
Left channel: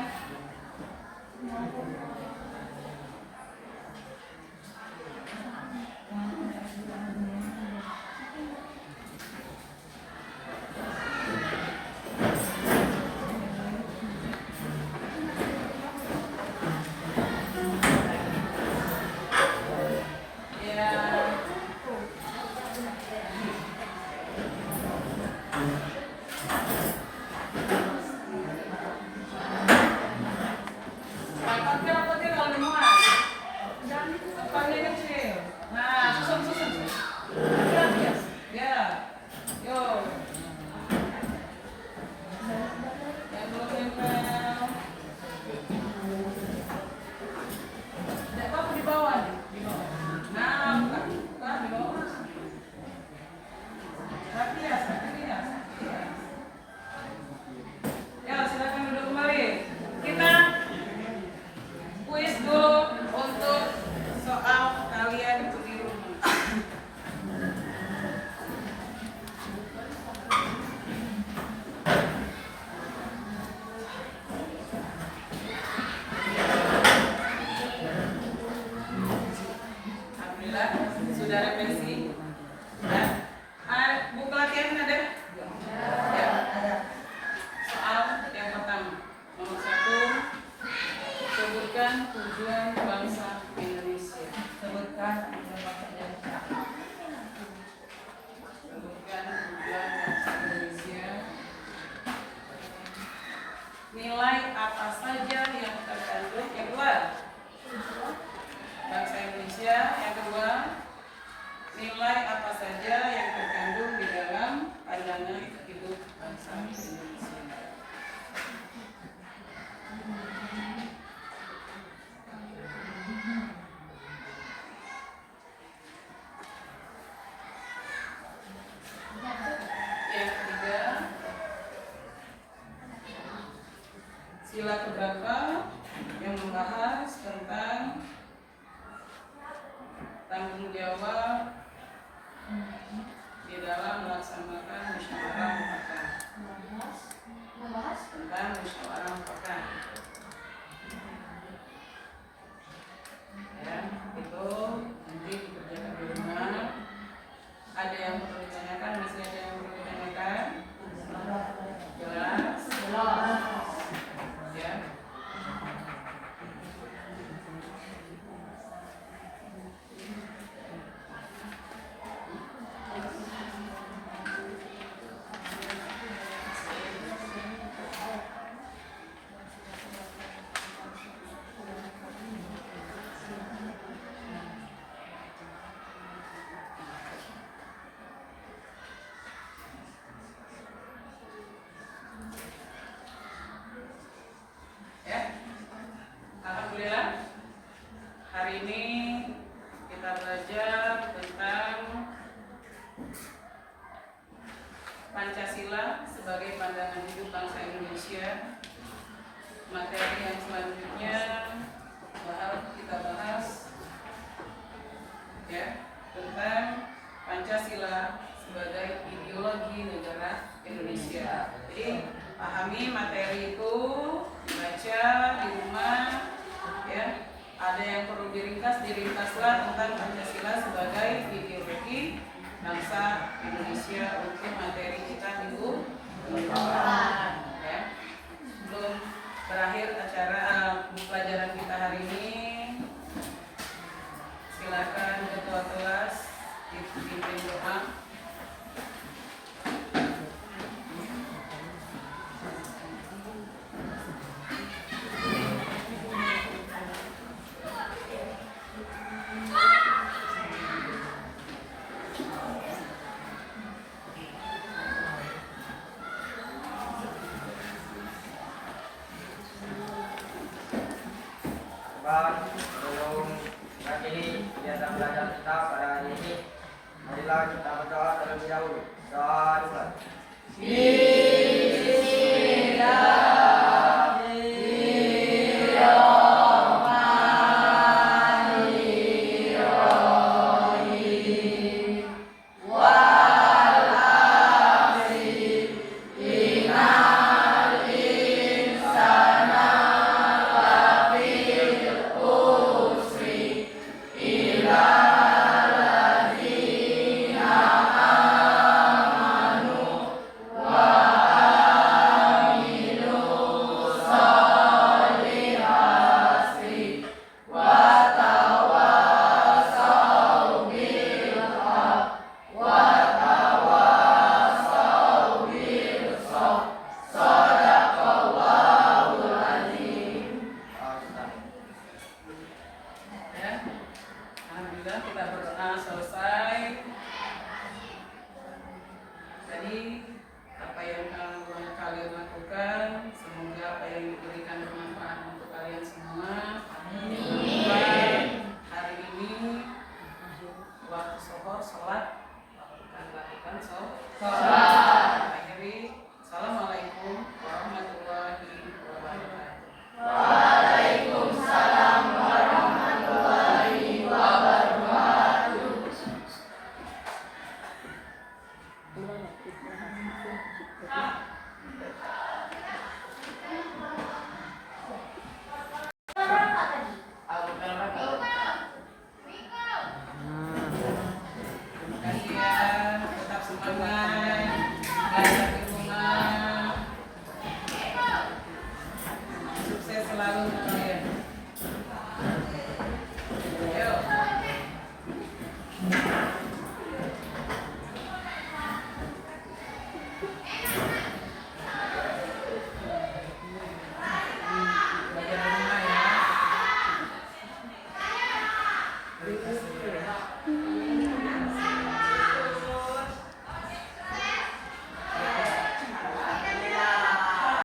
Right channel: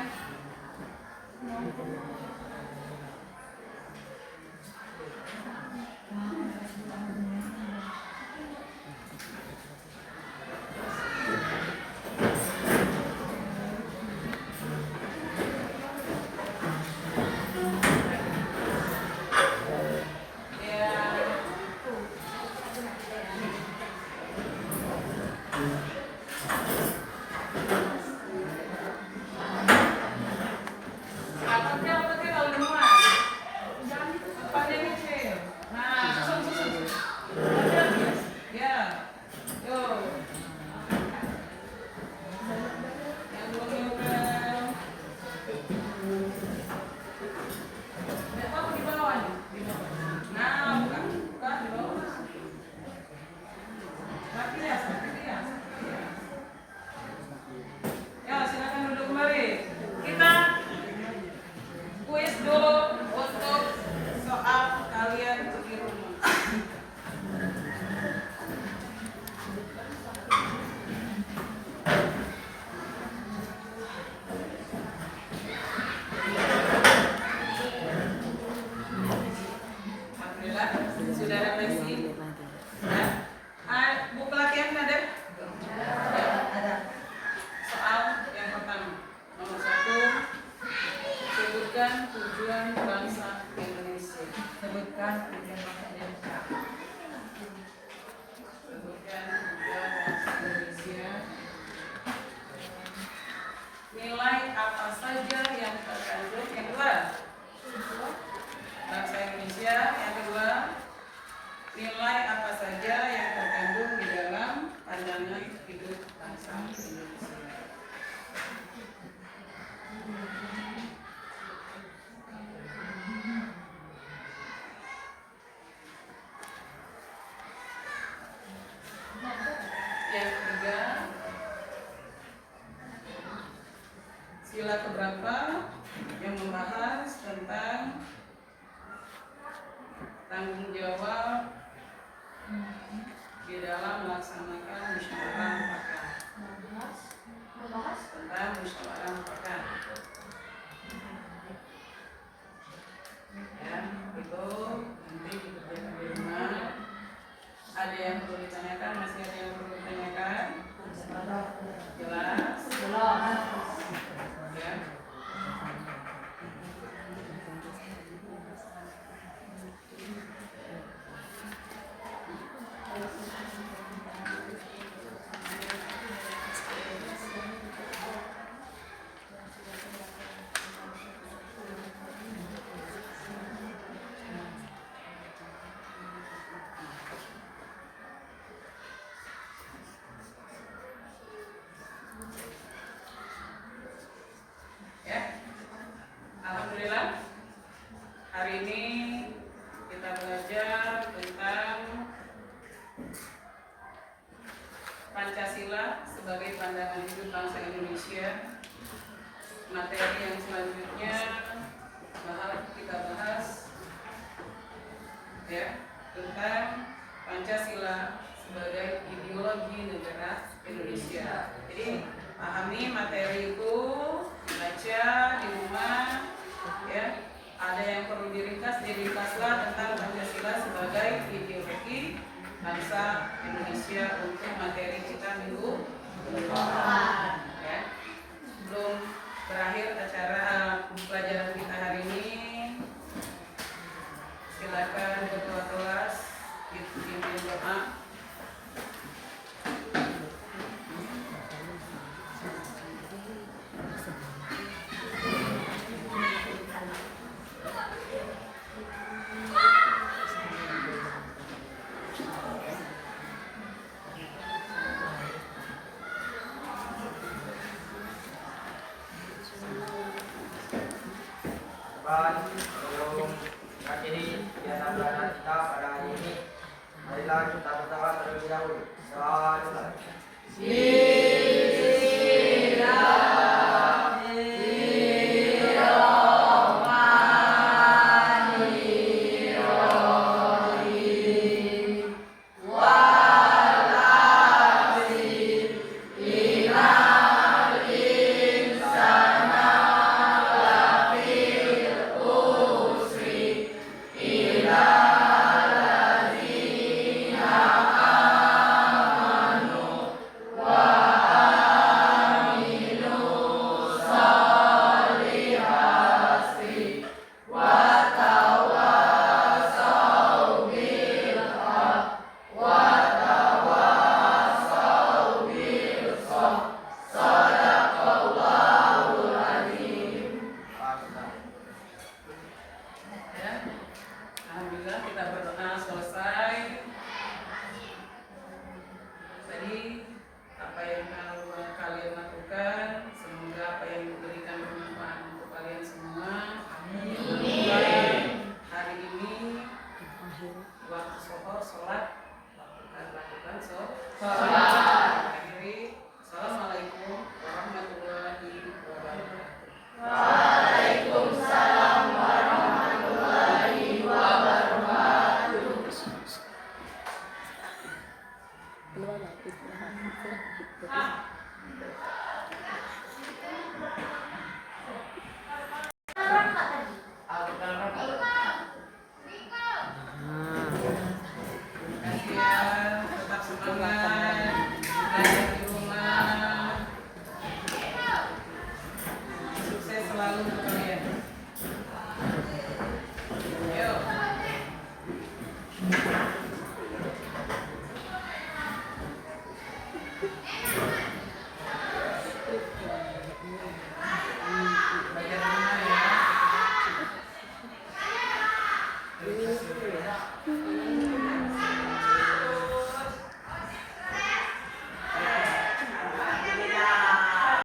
Angkatkan Sebutkan tujuan bangsa Indonesia. Sebutkan tujuan bangsa Indonesia. Sebutkan tujuan bangsa Indonesia. Nilai apa saja yang terkandung yang kedua bangsa Indonesia. Yang kedua, nilai apa saja yang terkandung di dalam pandangan hidup bangsa Indonesia. Yang ketiga, sila keberapa yang membahas tentang tanggung jawab di dalam melaksanakan musyawarah mufakat. Tentang musyawarah mufakat. Ya, itu nanti dikerjakan di rumah. Ada yang perlu ditanyakan? Masih ada yang perlu ditanyakan? Jelas? Ya. Alhamdulillah, hari ini kita belajar tentang Pancasila sebagai pandangan hidup bangsa Indonesia. Materi yang selanjutnya kita bahas ya tentang Pancasila sebagai ideologi negara Indonesia. Jadi pahami materi itu, baca di rumah ya. Ada yang perlu diringkaslah tentang Pancasila sebagai ideologi bangsa Indonesia untuk materi kita minggu depan ya. Belum berakhir acara pelajaran kita hari ini. Silakan ketua kelas dipimpin doa. Sebelum mengakhiri kegiatan belajar kita pada hari ini, marilah kita berdoa terlebih dahulu. Doa dulu. Alhamdulillah kita berdoa selesai. Tadi apa yang kalian lakukan, semoga apa yang diberikan